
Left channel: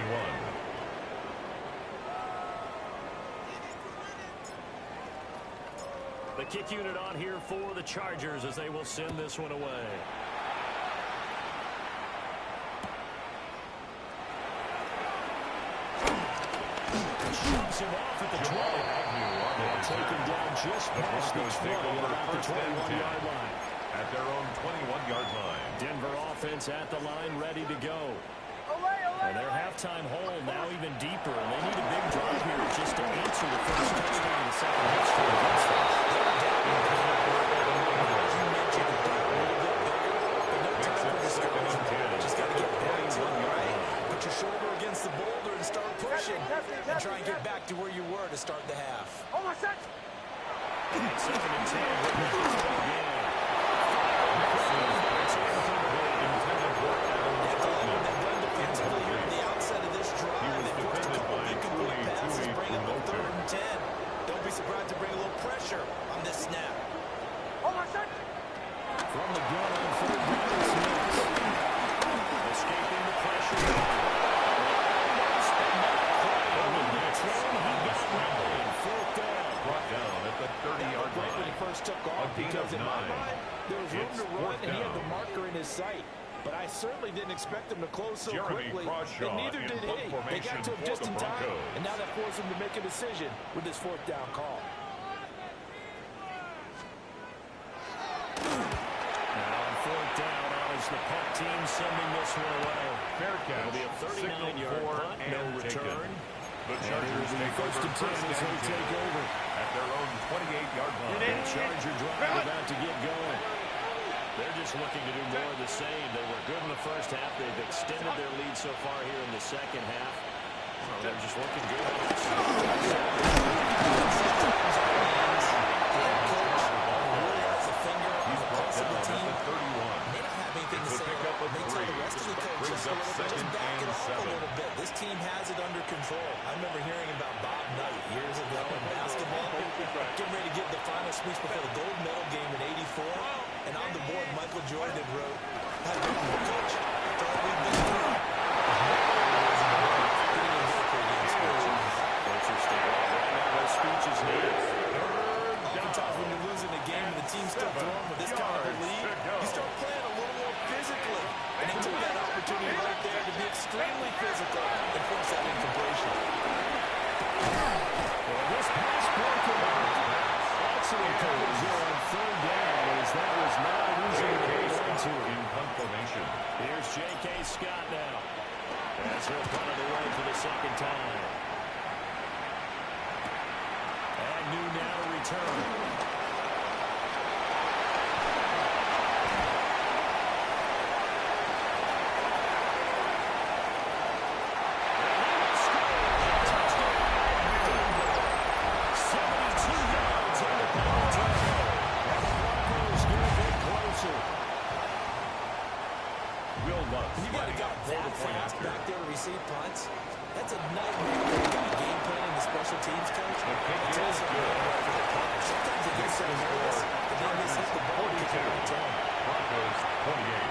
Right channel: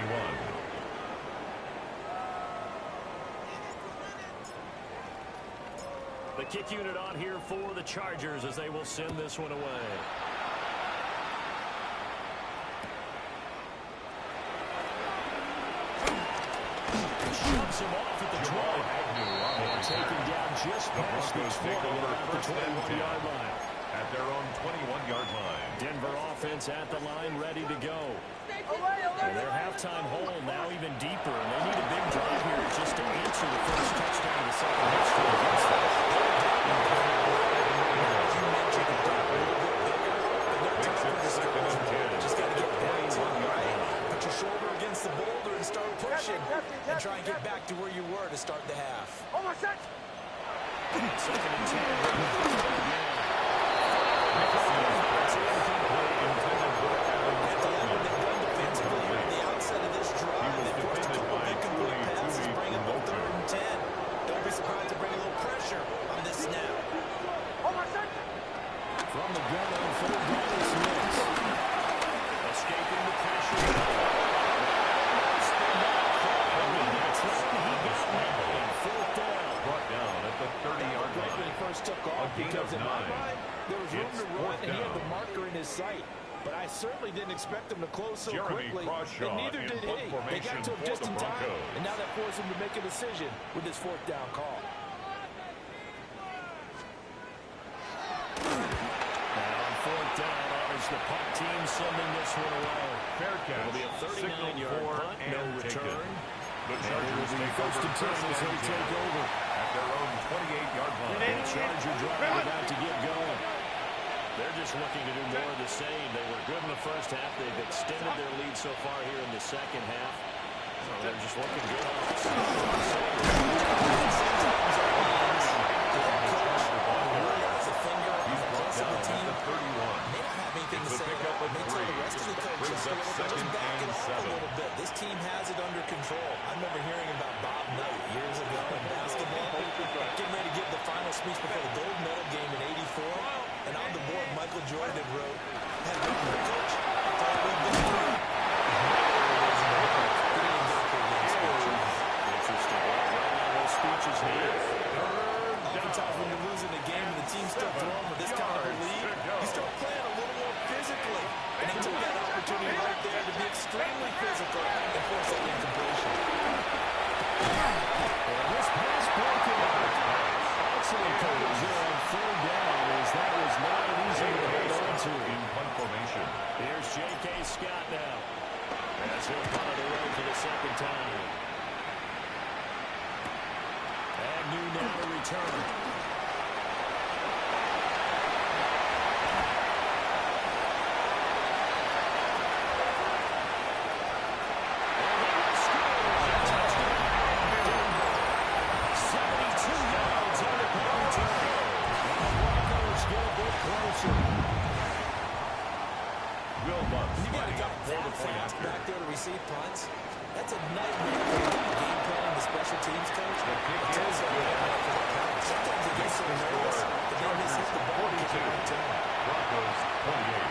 The kick unit on here for the Chargers as they will send this one away. Shoves him off at the 20. And taken down just past the 20 about the 21-yard line. At their own 21-yard line. Denver offense at the line, ready to go. And their halftime hole now even deeper, and they need a big drive here just to answer the first touchdown of the second half against them. You mentioned a little bit bigger, but no time for discouragement. Just got to get back to it, right? Put your shoulder against the boulder and start pushing, and try and get back to where you were to start the half. Almost set. And 2nd and 10, again. They've done defensively here at the outset of this drive. They forced a couple of incomplete passes, bring up a 3rd and 10. Don't be surprised to bring a little pressure on this snap. Almost set. From the gun on 3rd down is Smith. Escaping the pressure. Almost but not quite. He got 9. 4th down. Brought down at the 30-yard line. When he first took off, because in my mind, there was room to run, and he had the marker in his sight. But I certainly didn't expect him to close so quickly, and neither did he. They got to him just in time, and now that forced him to make a decision with this 4th down call. And on 4th down, honors the punt team sending this one away. Fair catch. It'll be a 39-yard punt, no return. The Chargers take over first and 10 take over at their own 28-yard line. The Charger drive about to get going. They're just looking to do more of the same. They were good in the first half. They've extended their lead so far here in the second half. So they're just looking good on offense. Really has a finger on the pulse rest of the down team at the 31. may not have anything It's to a say pickup about it. of May tell the 3. rest of the coach Brings just a up little bit, second just back it and off 7. a little bit. This team has it under control. I remember hearing about Bob Knight years ago in basketball, getting ready to give the final speech before the gold medal game in '84. And on the board, Michael Jordan had written, "Coach, after all we've been through, Interesting. Well, right now, those speeches needed. Oftentimes when you're losing a game and the team's still throwing with this kind of a lead, you start playing a little more physically. And they took that opportunity right there to be extremely physical and force that incompletion. And this pass broken up. Excellent coverage there on third down, as that was not an easy one to hold on to. In punt formation. Here's J.K. Scott now, as he'll punt it away for the second time. Agnew now to return. And he will score. Touchdown. 72 yards on the punt return. And the Broncos get a bit closer. Will Lutz You got a lining guy up for that the point fast after. back there to receive punts. That's a nightmare for the guy game planning the special teams coach. The kick It's is also a good. nightmare for the punter. Sometimes they get so nervous that they miss hit the ball and kick it right to him. Broncos 28.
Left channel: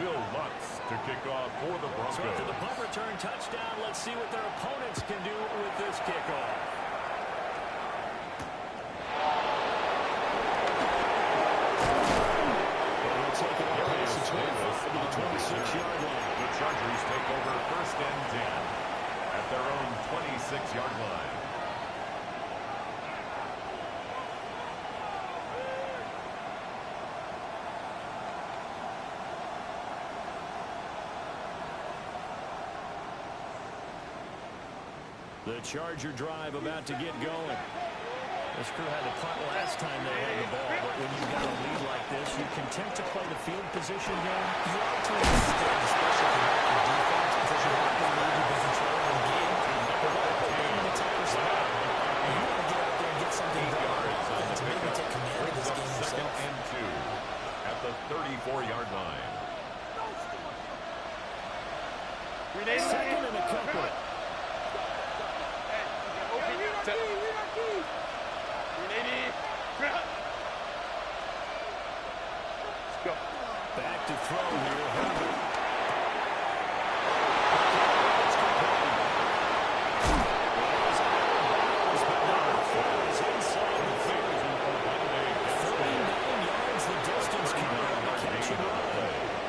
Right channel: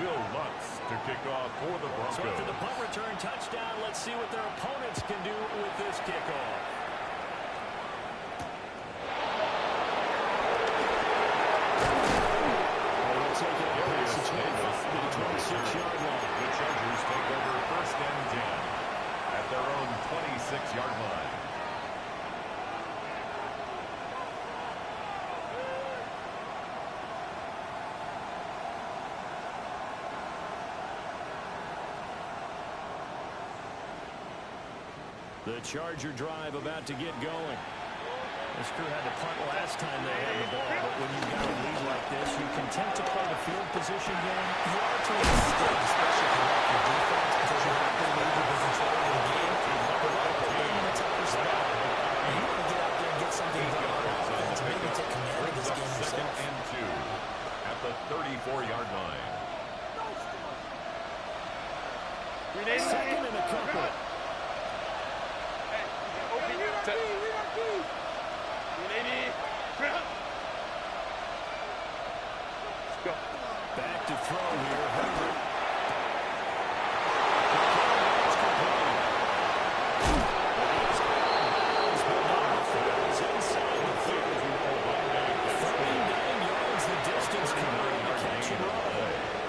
Will Lutz to kick off for the Broncos. So after the punt return touchdown, let's see what their opponents can do with this kickoff. And he'll take it across the 25 to the 26-yard line. The Chargers take over first and 10 at their own 26-yard line. The Charger drive about to get going. This crew had to punt last time they had the ball, but when you've got a lead like this, you can tend to play the field position game. You are to an extent, especially if you like your defense, because you have the lead, you've been controlling the game. But that put them in a tougher spot. And you want to get out there and get something done on offense and maybe take command of this game Second yourself. and 2 at the 34-yard line. Second and a couple. Back to throw here, Herbert. It's complete. It is out of bounds, but not before he's inside the 30. 39 yards the distance coming on the catch and run.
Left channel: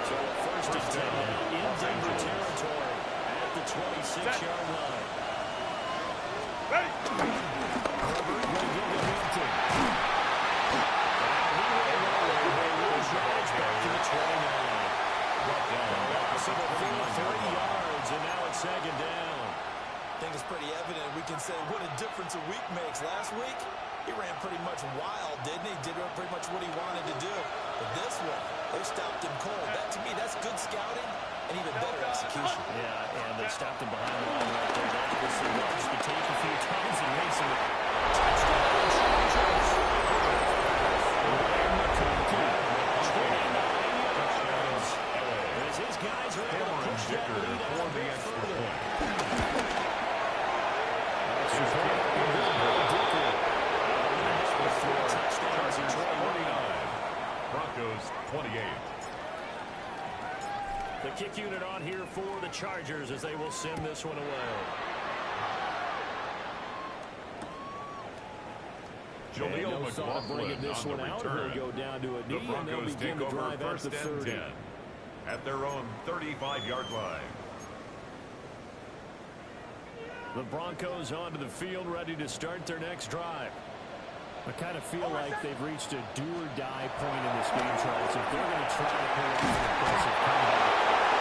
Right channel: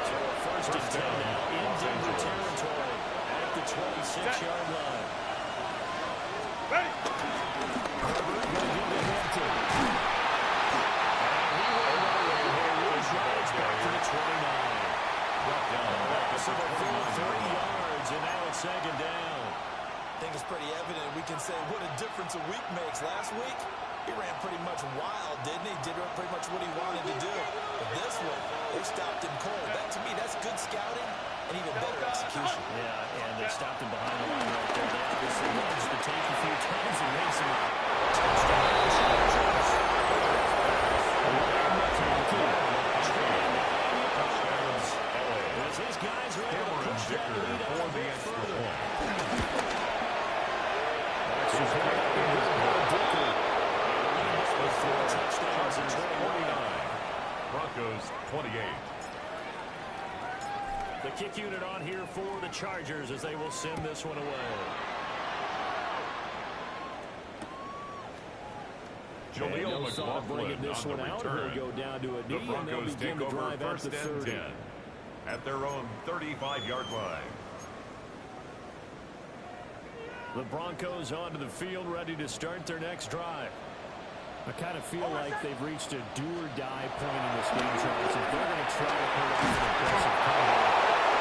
So a first and 10 now in Denver territory at the 26-yard line. Herbert going to give to Hampton. And he will roll it. Drives back to the 29. Brought down back Loss of at the a full 29-yard 3 line. yards, and now it's second down. I think it's pretty evident. We can say what a difference a week makes. Last week, he ran pretty much wild, didn't he? Did pretty much what he wanted to do. But this one, they stopped him cold. That, to me, that's good scouting and even better execution. Yeah, and they stopped him behind the line right there. They obviously watched the tape a few times and made some touchdown Chargers. Wayne McConkey, 29 yards. As his guys are able to push that lead out for a the bit extra further. point. Extra point up with Bill Dicker. With 4 touchdowns and Chargers 29. 49. Broncos 28. The kick unit on here for the Chargers as they will send this one away. Jaleel no thought of bringing McLaughlin this on one the out. return. He'll go down to a The knee, and they'll Broncos begin take to over drive out first the and 30. 10 at their own 35-yard line. The Broncos onto the field, ready to start their next drive. I kind of feel like they've reached a do-or-die point in this game, Charles. If they're going to try to pull off an aggressive comeback,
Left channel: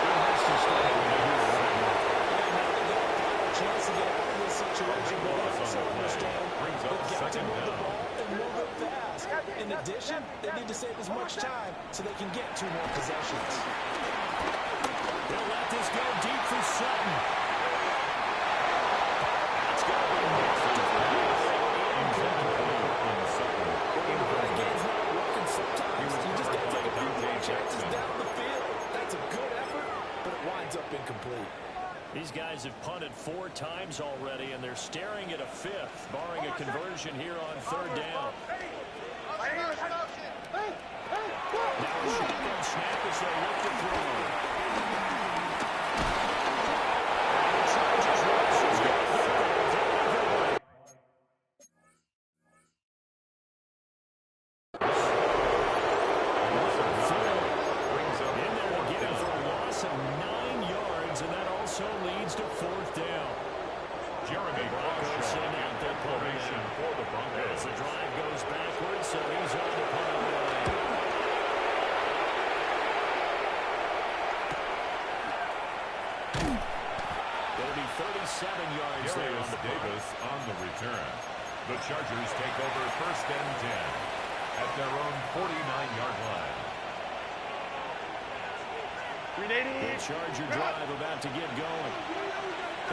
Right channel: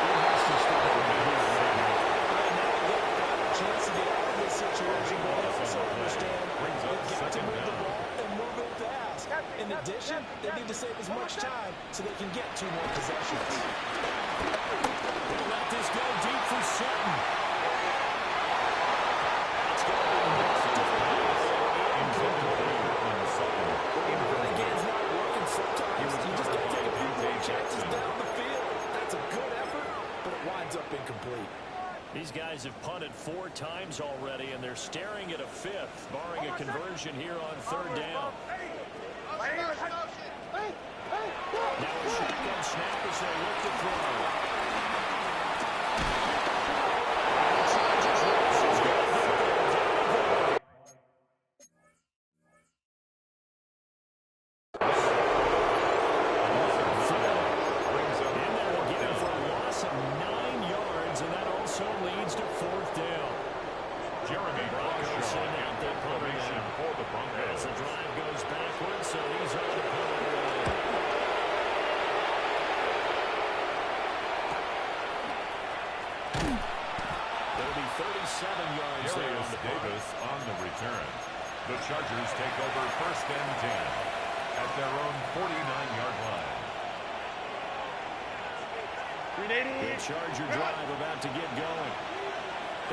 it has to start over here right now. And now they've got a final chance to get out of this situation, but they also understand Brings up they've got to second move the down. ball and move it fast. In addition, they need to save as much time so they can get 2 more possessions. They'll let this go deep for Sutton. That's have punted 4 times already, and they're staring at a 5th, barring a conversion here on 3rd down. Now a shotgun snap as they look to throw. And the Chargers rush is going to go. In there again for a loss of 9 yards, and that also leads to 4th down. Jeremy Broncos send out their punter formation now. for the Broncos. As the drive goes backwards, so he's on to punt it away. It'll be 37 yards there on the Davis on the return. The Chargers take over 1st and 10 at their own 49-yard line. The Charger drive about to get going.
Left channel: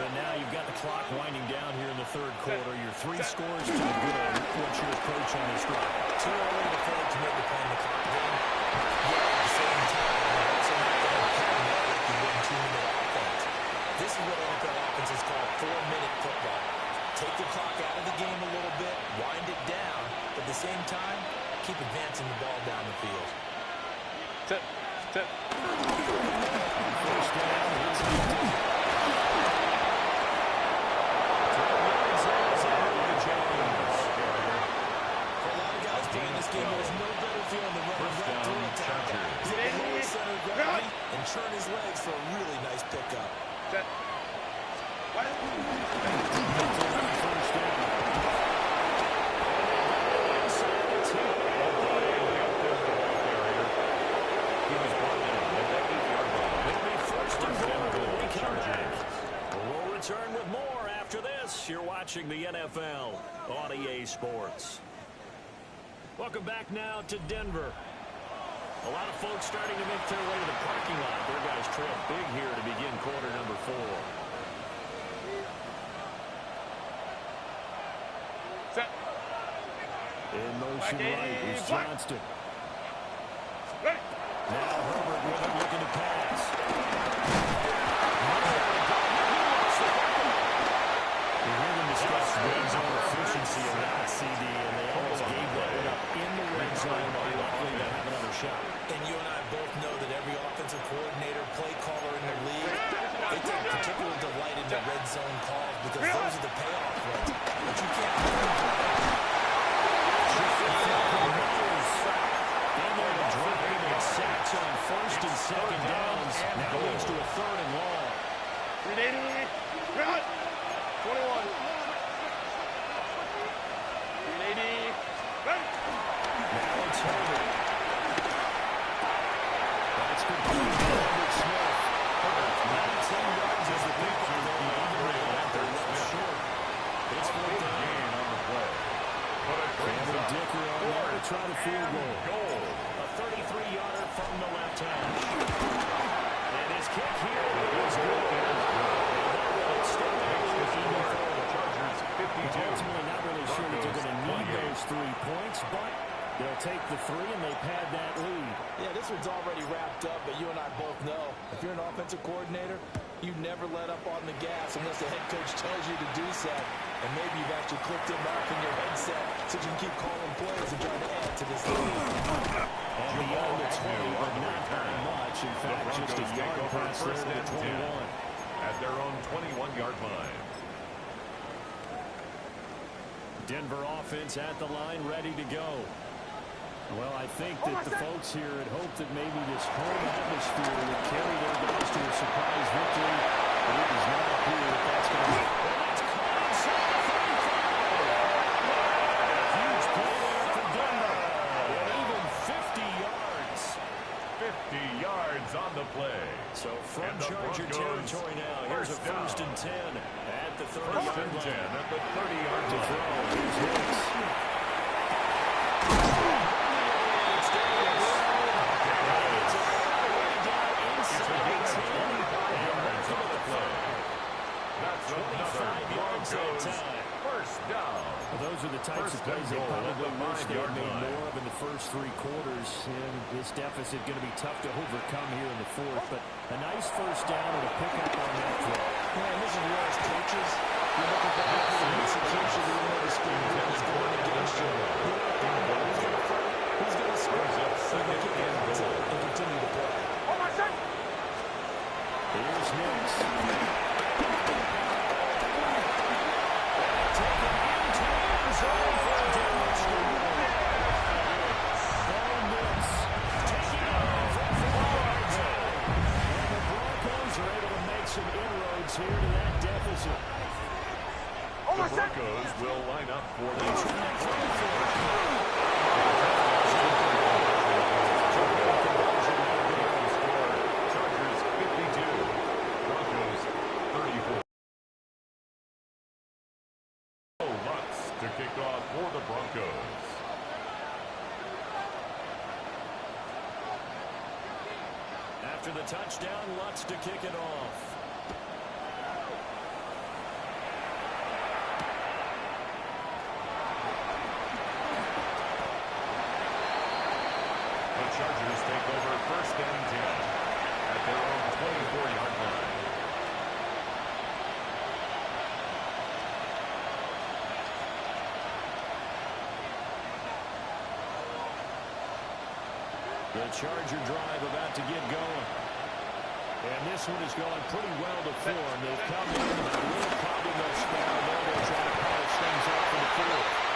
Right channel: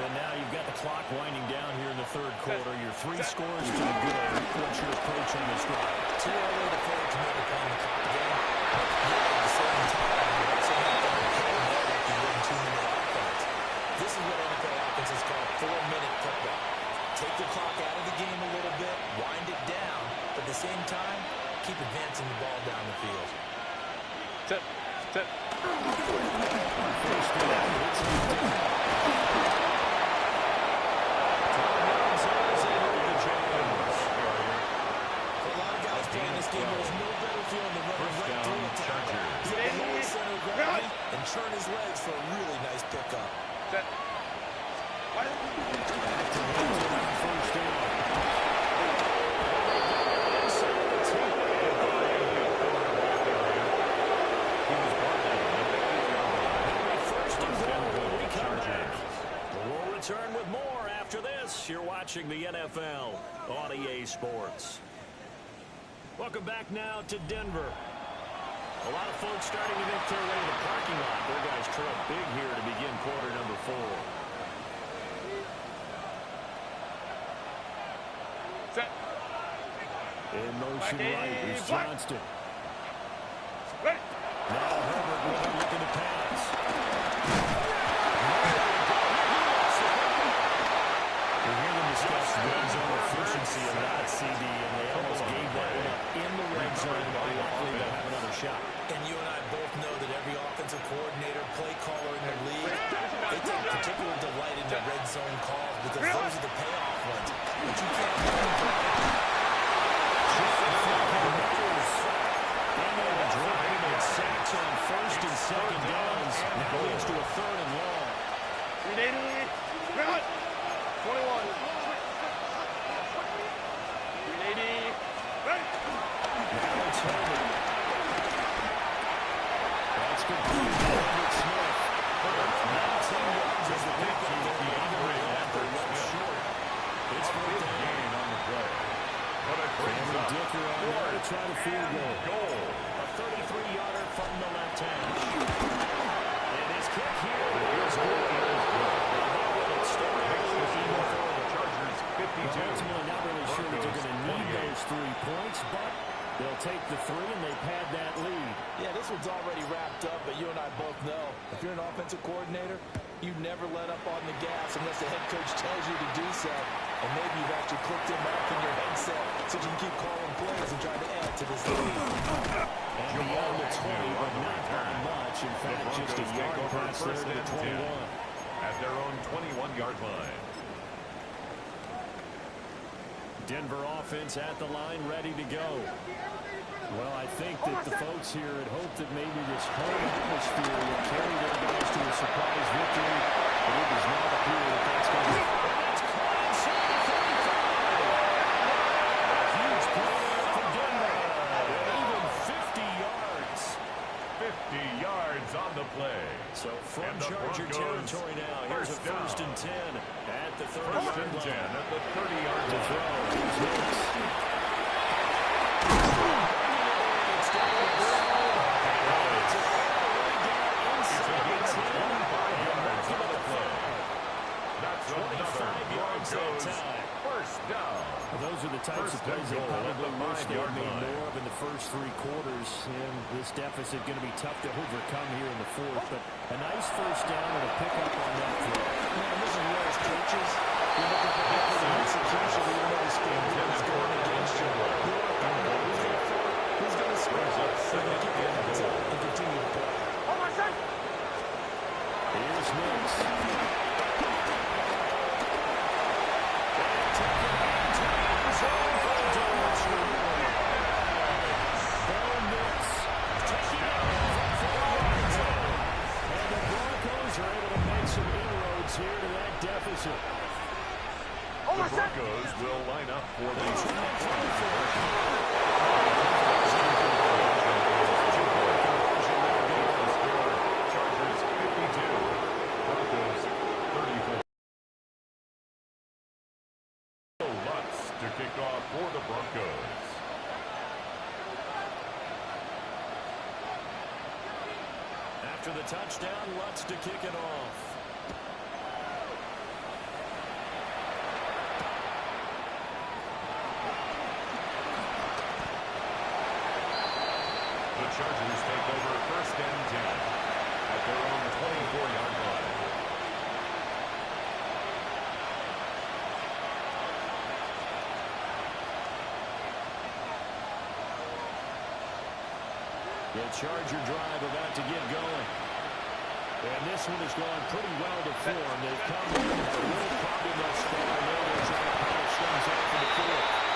And now you've got the clock winding down here in the 3rd quarter. You're 3 scores to the good. What's your approach on this drive? Too early to fully commit to playing the clock game. Yet at the same time, you're also not going to hit and nail like you would in 2-minute offense. This is what NFL offenses call 4-minute football. Take the clock out of the game a little bit, wind it down, but at the same time, keep advancing the ball down the field. Set. On 1st down, it's Denver. 12 yards there as they move to James. For a lot of guys playing this game, there's no better feeling than running right through a tackle. He's at the lowest center of gravity and churn his legs for a really nice pickup. Set. What? On 1st down. And they got it inside the 10. He was brought down at the 8-yard line. It'll be 1st and goal when we come back. We'll return with more after this. You're watching the NFL on EA Sports. Welcome back now to Denver. A lot of folks starting to make their way to the parking lot. Their guys trail big here to begin quarter number 4. Set. In motion right is Johnston. Ready. Now Herbert with him looking to pass. We hear them discuss red zone efficiency of that CD, and they almost gave that one up in the red zone, but luckily they'll have another shot. And you and I both know that every offensive coordinator, play caller in the league, they take particular delight in the red zone calls because those are the payoff ones. But you can't And they're to drop him in sacks on 1st and 2nd downs. Now leads to a 3rd and long. 380. Run. 21. 380. Ready. Now it's Herbert. That's complete to Herbert Smith. Herbert, 19 yards as the pickup there. After well short. It's 4th down. Gain on the play. But it brings Cameron up Dicker on there to try the field goal. A 33-yarder from the left hash. And his kick here is good. And that will extend their lead even further. Chargers 52. Ultimately not really sure that they're going to need those 3 points, but they'll take the 3 and they pad that lead. Yeah, this one's already wrapped up, but you and I both know if you're an offensive coordinator, you never let up on the gas unless the head coach tells you to do so. And maybe you've actually clicked him off in your headset so you can keep calling plays and trying to add to this lead. And beyond the 20, but not by much. In fact, just a yard pass there to the 21. At their own 21-yard line. Denver offense at the line, ready to go. Well, I think that the folks here had hoped that maybe this home atmosphere would carry their guys to a surprise victory, but it does not appear that that's going to be. And that's caught inside the 35. A huge play there for Denver. And even 50 yards. 50 yards on the play. So from Charger territory now, here's a 1st and 10 at the 30-yard line. 1st and 10 at the 30-yard To line. throw, here's Hicks. That's 25 yards that time. 1st down. Well, those are the types of plays they probably wish they had made more of in the first 3 quarters. And this deficit going to be tough to overcome here in the fourth. But a nice first down and a pickup on that throw. Man, this is where as coaches, you're looking for effort and execution, even though the score is going against you. You want to find out who's going to fight, who's going to score, who's going to keep your heads up and continue to play. Here's Nix. Taken into the end zone for a touchdown. Bo Nix taking it over for the end zone. And the Broncos are able to make some inroads here to that deficit. The Broncos will line up for the Chargers 52, Broncos 34. Lutz to kick off for the Broncos. After the touchdown, Lutz to kick it off. The Chargers take over first and 10 at their own 24-yard line. The Charger drive about to get going. And this one has gone pretty well to form. They've come in and had a little problem thus far. Now they're trying to polish things off in the fourth.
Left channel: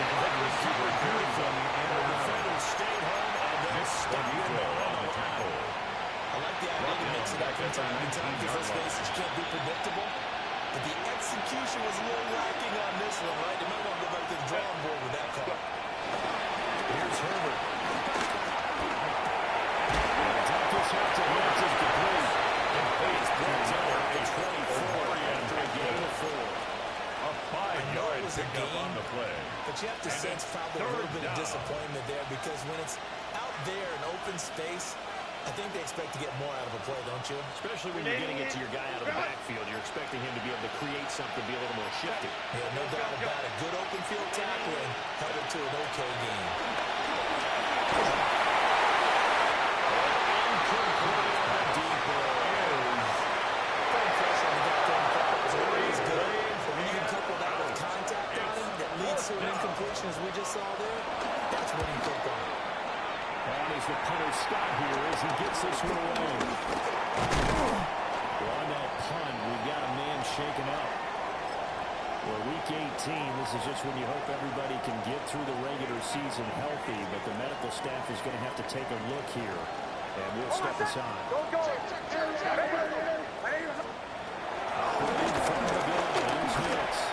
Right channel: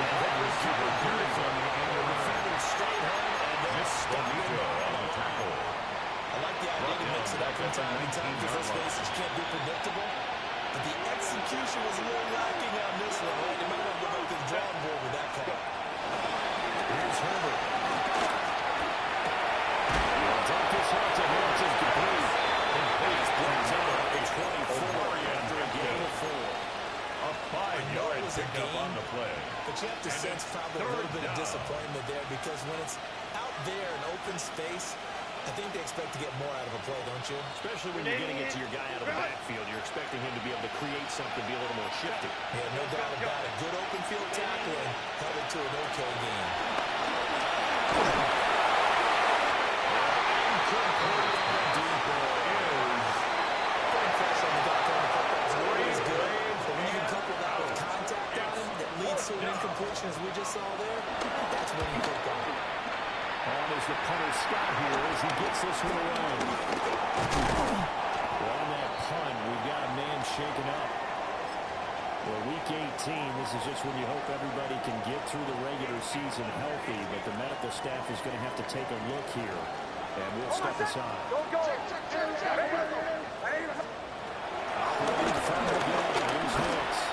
The head receiver carries on the end of the defenders stayed home and they stuck it on the tackle. I like the idea to mix it up from time to time because let's face it, you can't be predictable. But the execution was a little lacking on this one, right? They might want to go back to the drawing board with that call. Here's Herbert. They'll dump this out to Hampton complete. And he's brought down a 24 after a gain of 4. A 5-yard pickup on the play. But you have to sense probably a little bit of disappointment there because when it's out there in open space, I think they expect to get more out of a play, don't you? Especially when you're getting it to your guy out of the backfield. You're expecting him to be able to create something, be a little more shifty. Yeah, no doubt about it. Good open field tackling held it to an okay game. Incomplete on the deep ball. Putting pressure on the guy throwing the football is always good. But when you can couple that with contact on him that leads to an incompletion as we just saw there, that's winning football. On is the punter Scott here as he gets this one away. Well, on that punt, we've got a man shaken up. Well, week 18, this is just when you hope everybody can get through the regular season healthy, but the medical staff is going to have to take a look here, and we'll step aside. Operating from the building, here's Nix.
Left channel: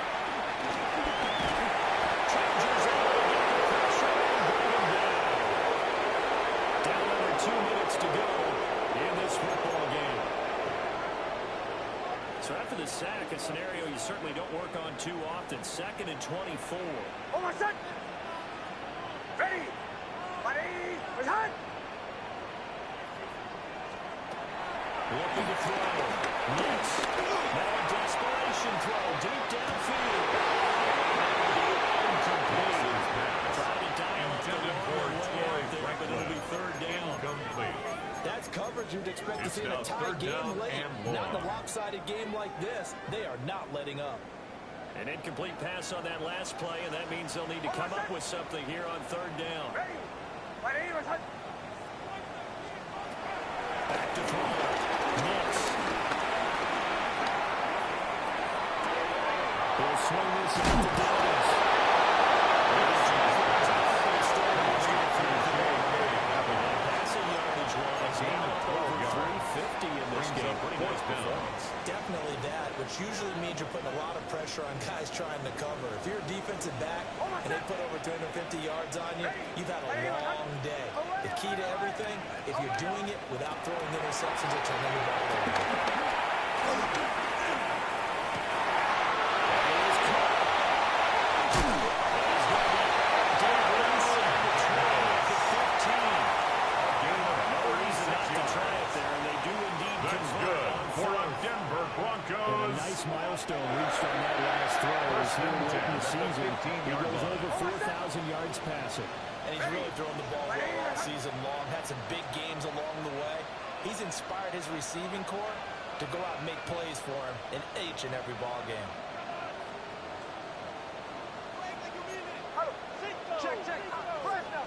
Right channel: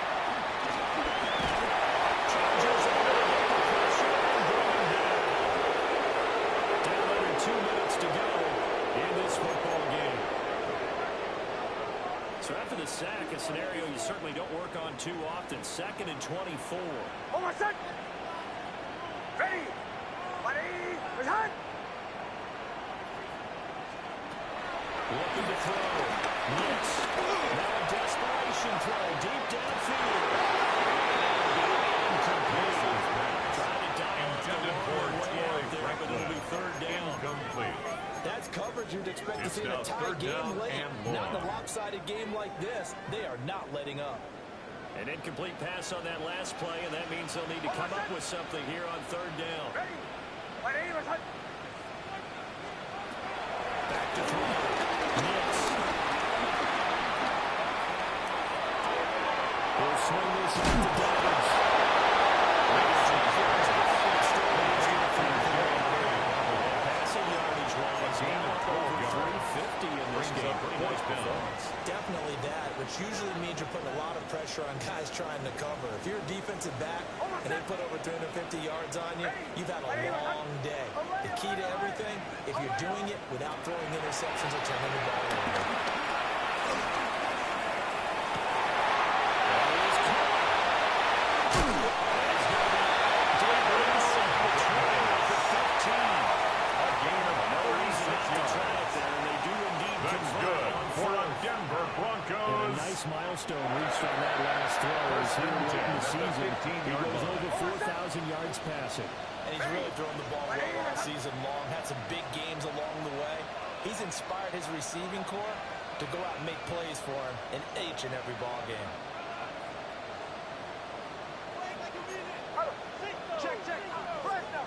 Chargers able to get the pressure and bring him down. Down under 2 minutes to go in this football game. So after the sack, a scenario you certainly don't work on too often. 2nd and 24. Ready. Looking to throw. Nix. Now a desperation throw deep downfield. Incomplete. Trying to dial up the long way out there, but it'll be 3rd down. Incomplete. That's coverage you'd expect to see in a tie game late. Not in a lopsided game like this. They are not letting up. An incomplete pass on that last play, and that means they'll need to come up with something here on 3rd down. Back to throw. Nix. He'll swing this out to Dobbins. Passing yardage-wise, over 350 in this game. Pretty nice performance. Definitely that, which usually means you're putting a lot of pressure on guys trying to cover. If you're a defensive back and they put over 350 yards on you, you've had a long day. The key to everything, if you're doing it without throwing interceptions or turning the ball over. milestone reached on that last throw as here late in the season. He goes over 4,000 yards passing. And he's really thrown the ball well all season long. Had some big games along the way. He's inspired his receiving corps to go out and make plays for him in each and every ball game. Check. Press now.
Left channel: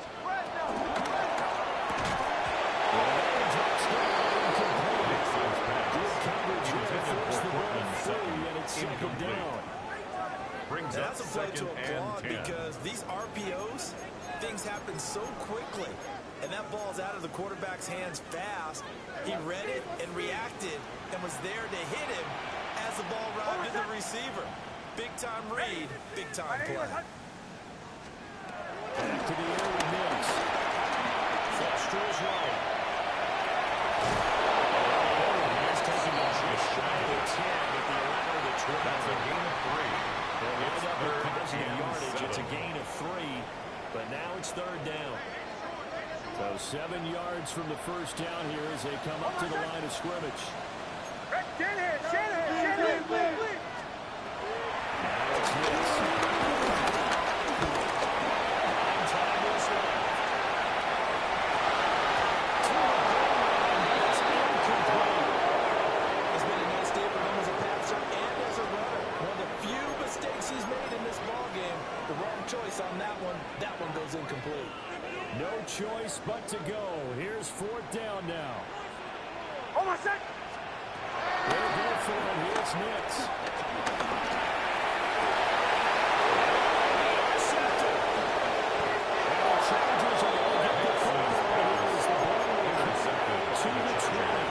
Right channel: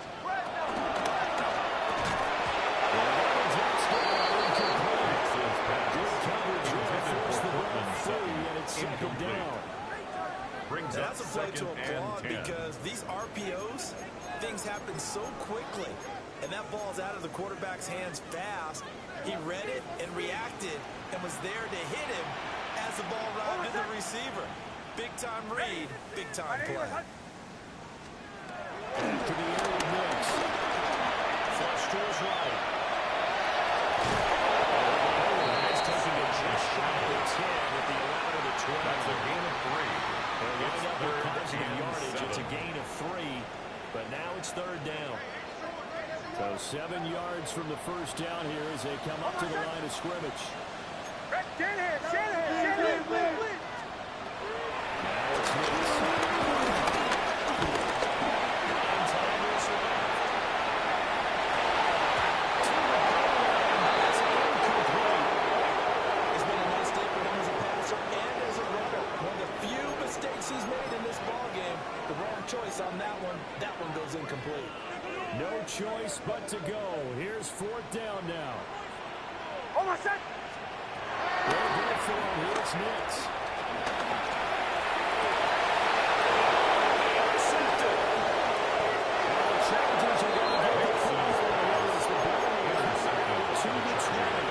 Well, that one drops down incomplete. Good coverage there. Forced the ball free, and it's second down. Brings Now up that's a play to second applaud and 10. because these RPOs, things happen so quickly. And that ball's out of the quarterback's hands fast. He read it and reacted and was there to hit him as the ball arrived to the receiver. Big-time read, big-time play. Back to the air with Nix. Flush to his right. Has taken it just shy of the 10 at the 11 of the 12. That's a gain of 3. They'll line It's up with third positive and yardage. 7. It's a gain of 3, but now it's third down. So 7 yards from the first down here as they come up to the line of scrimmage. Shanahan. Now it's Nix. 9 tackles left. To the goal line, but it's incomplete. It's been a nice day for him as a passer and as a runner. One of the few mistakes he's made in this ball game. The wrong choice on that one. That one goes incomplete. No choice but to go. Here's fourth down now. Almost set. They'll go for him. Here's Nix. Intercepted. And the Chargers are going to get the football. It is the ball intercepted to the 20.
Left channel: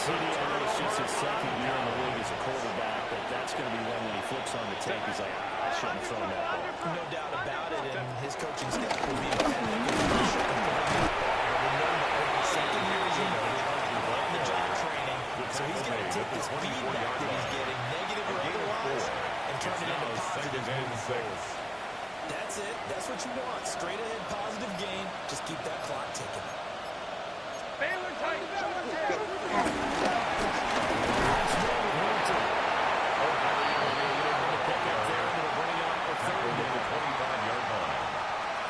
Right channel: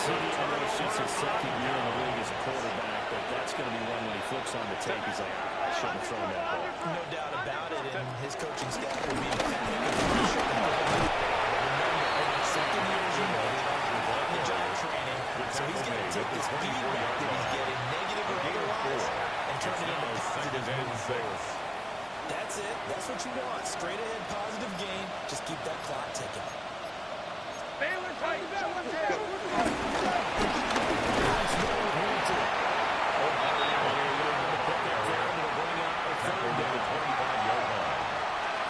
CD, I know it's just his second year in the league as a quarterback, but that's going to be one when he flips on the tape. He's like, I shouldn't have thrown that ball. No doubt about it, and his coaching staff will be mad because he shouldn't have thrown that ball. But remember, second year, as you noted, on the job training, so he's going to take this feedback that he's getting, negative or otherwise, and turn it into positive moving forward. That's it. That's what you want. Straight ahead, positive gain. Just keep that clock ticking. Baylor tight.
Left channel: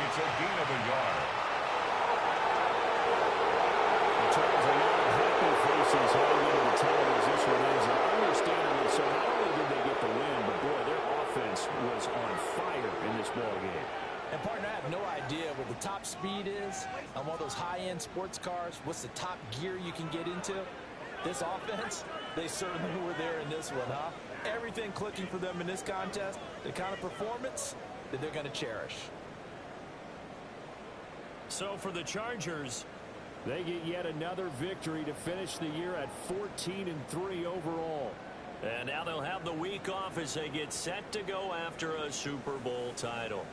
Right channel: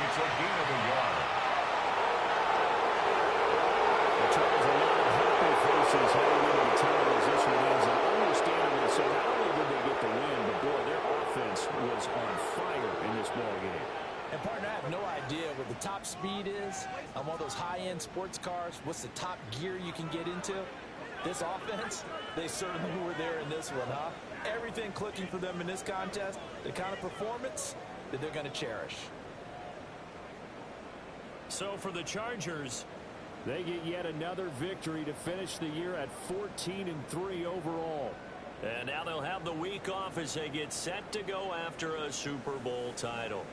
It's a gain of a yard. The Chargers are not happy faces heading into the time as this one is. And understandably so, not only did they get the win, but boy, their offense was on fire in this ball game. And, partner, I have no idea what the top speed is on one of those high-end sports cars. What's the top gear you can get into? This offense, they certainly were there in this one, huh? Everything clicking for them in this contest, the kind of performance that they're going to cherish. So for the Chargers, they get yet another victory to finish the year at 14-3 overall. And now they'll have the week off as they get set to go after a Super Bowl title.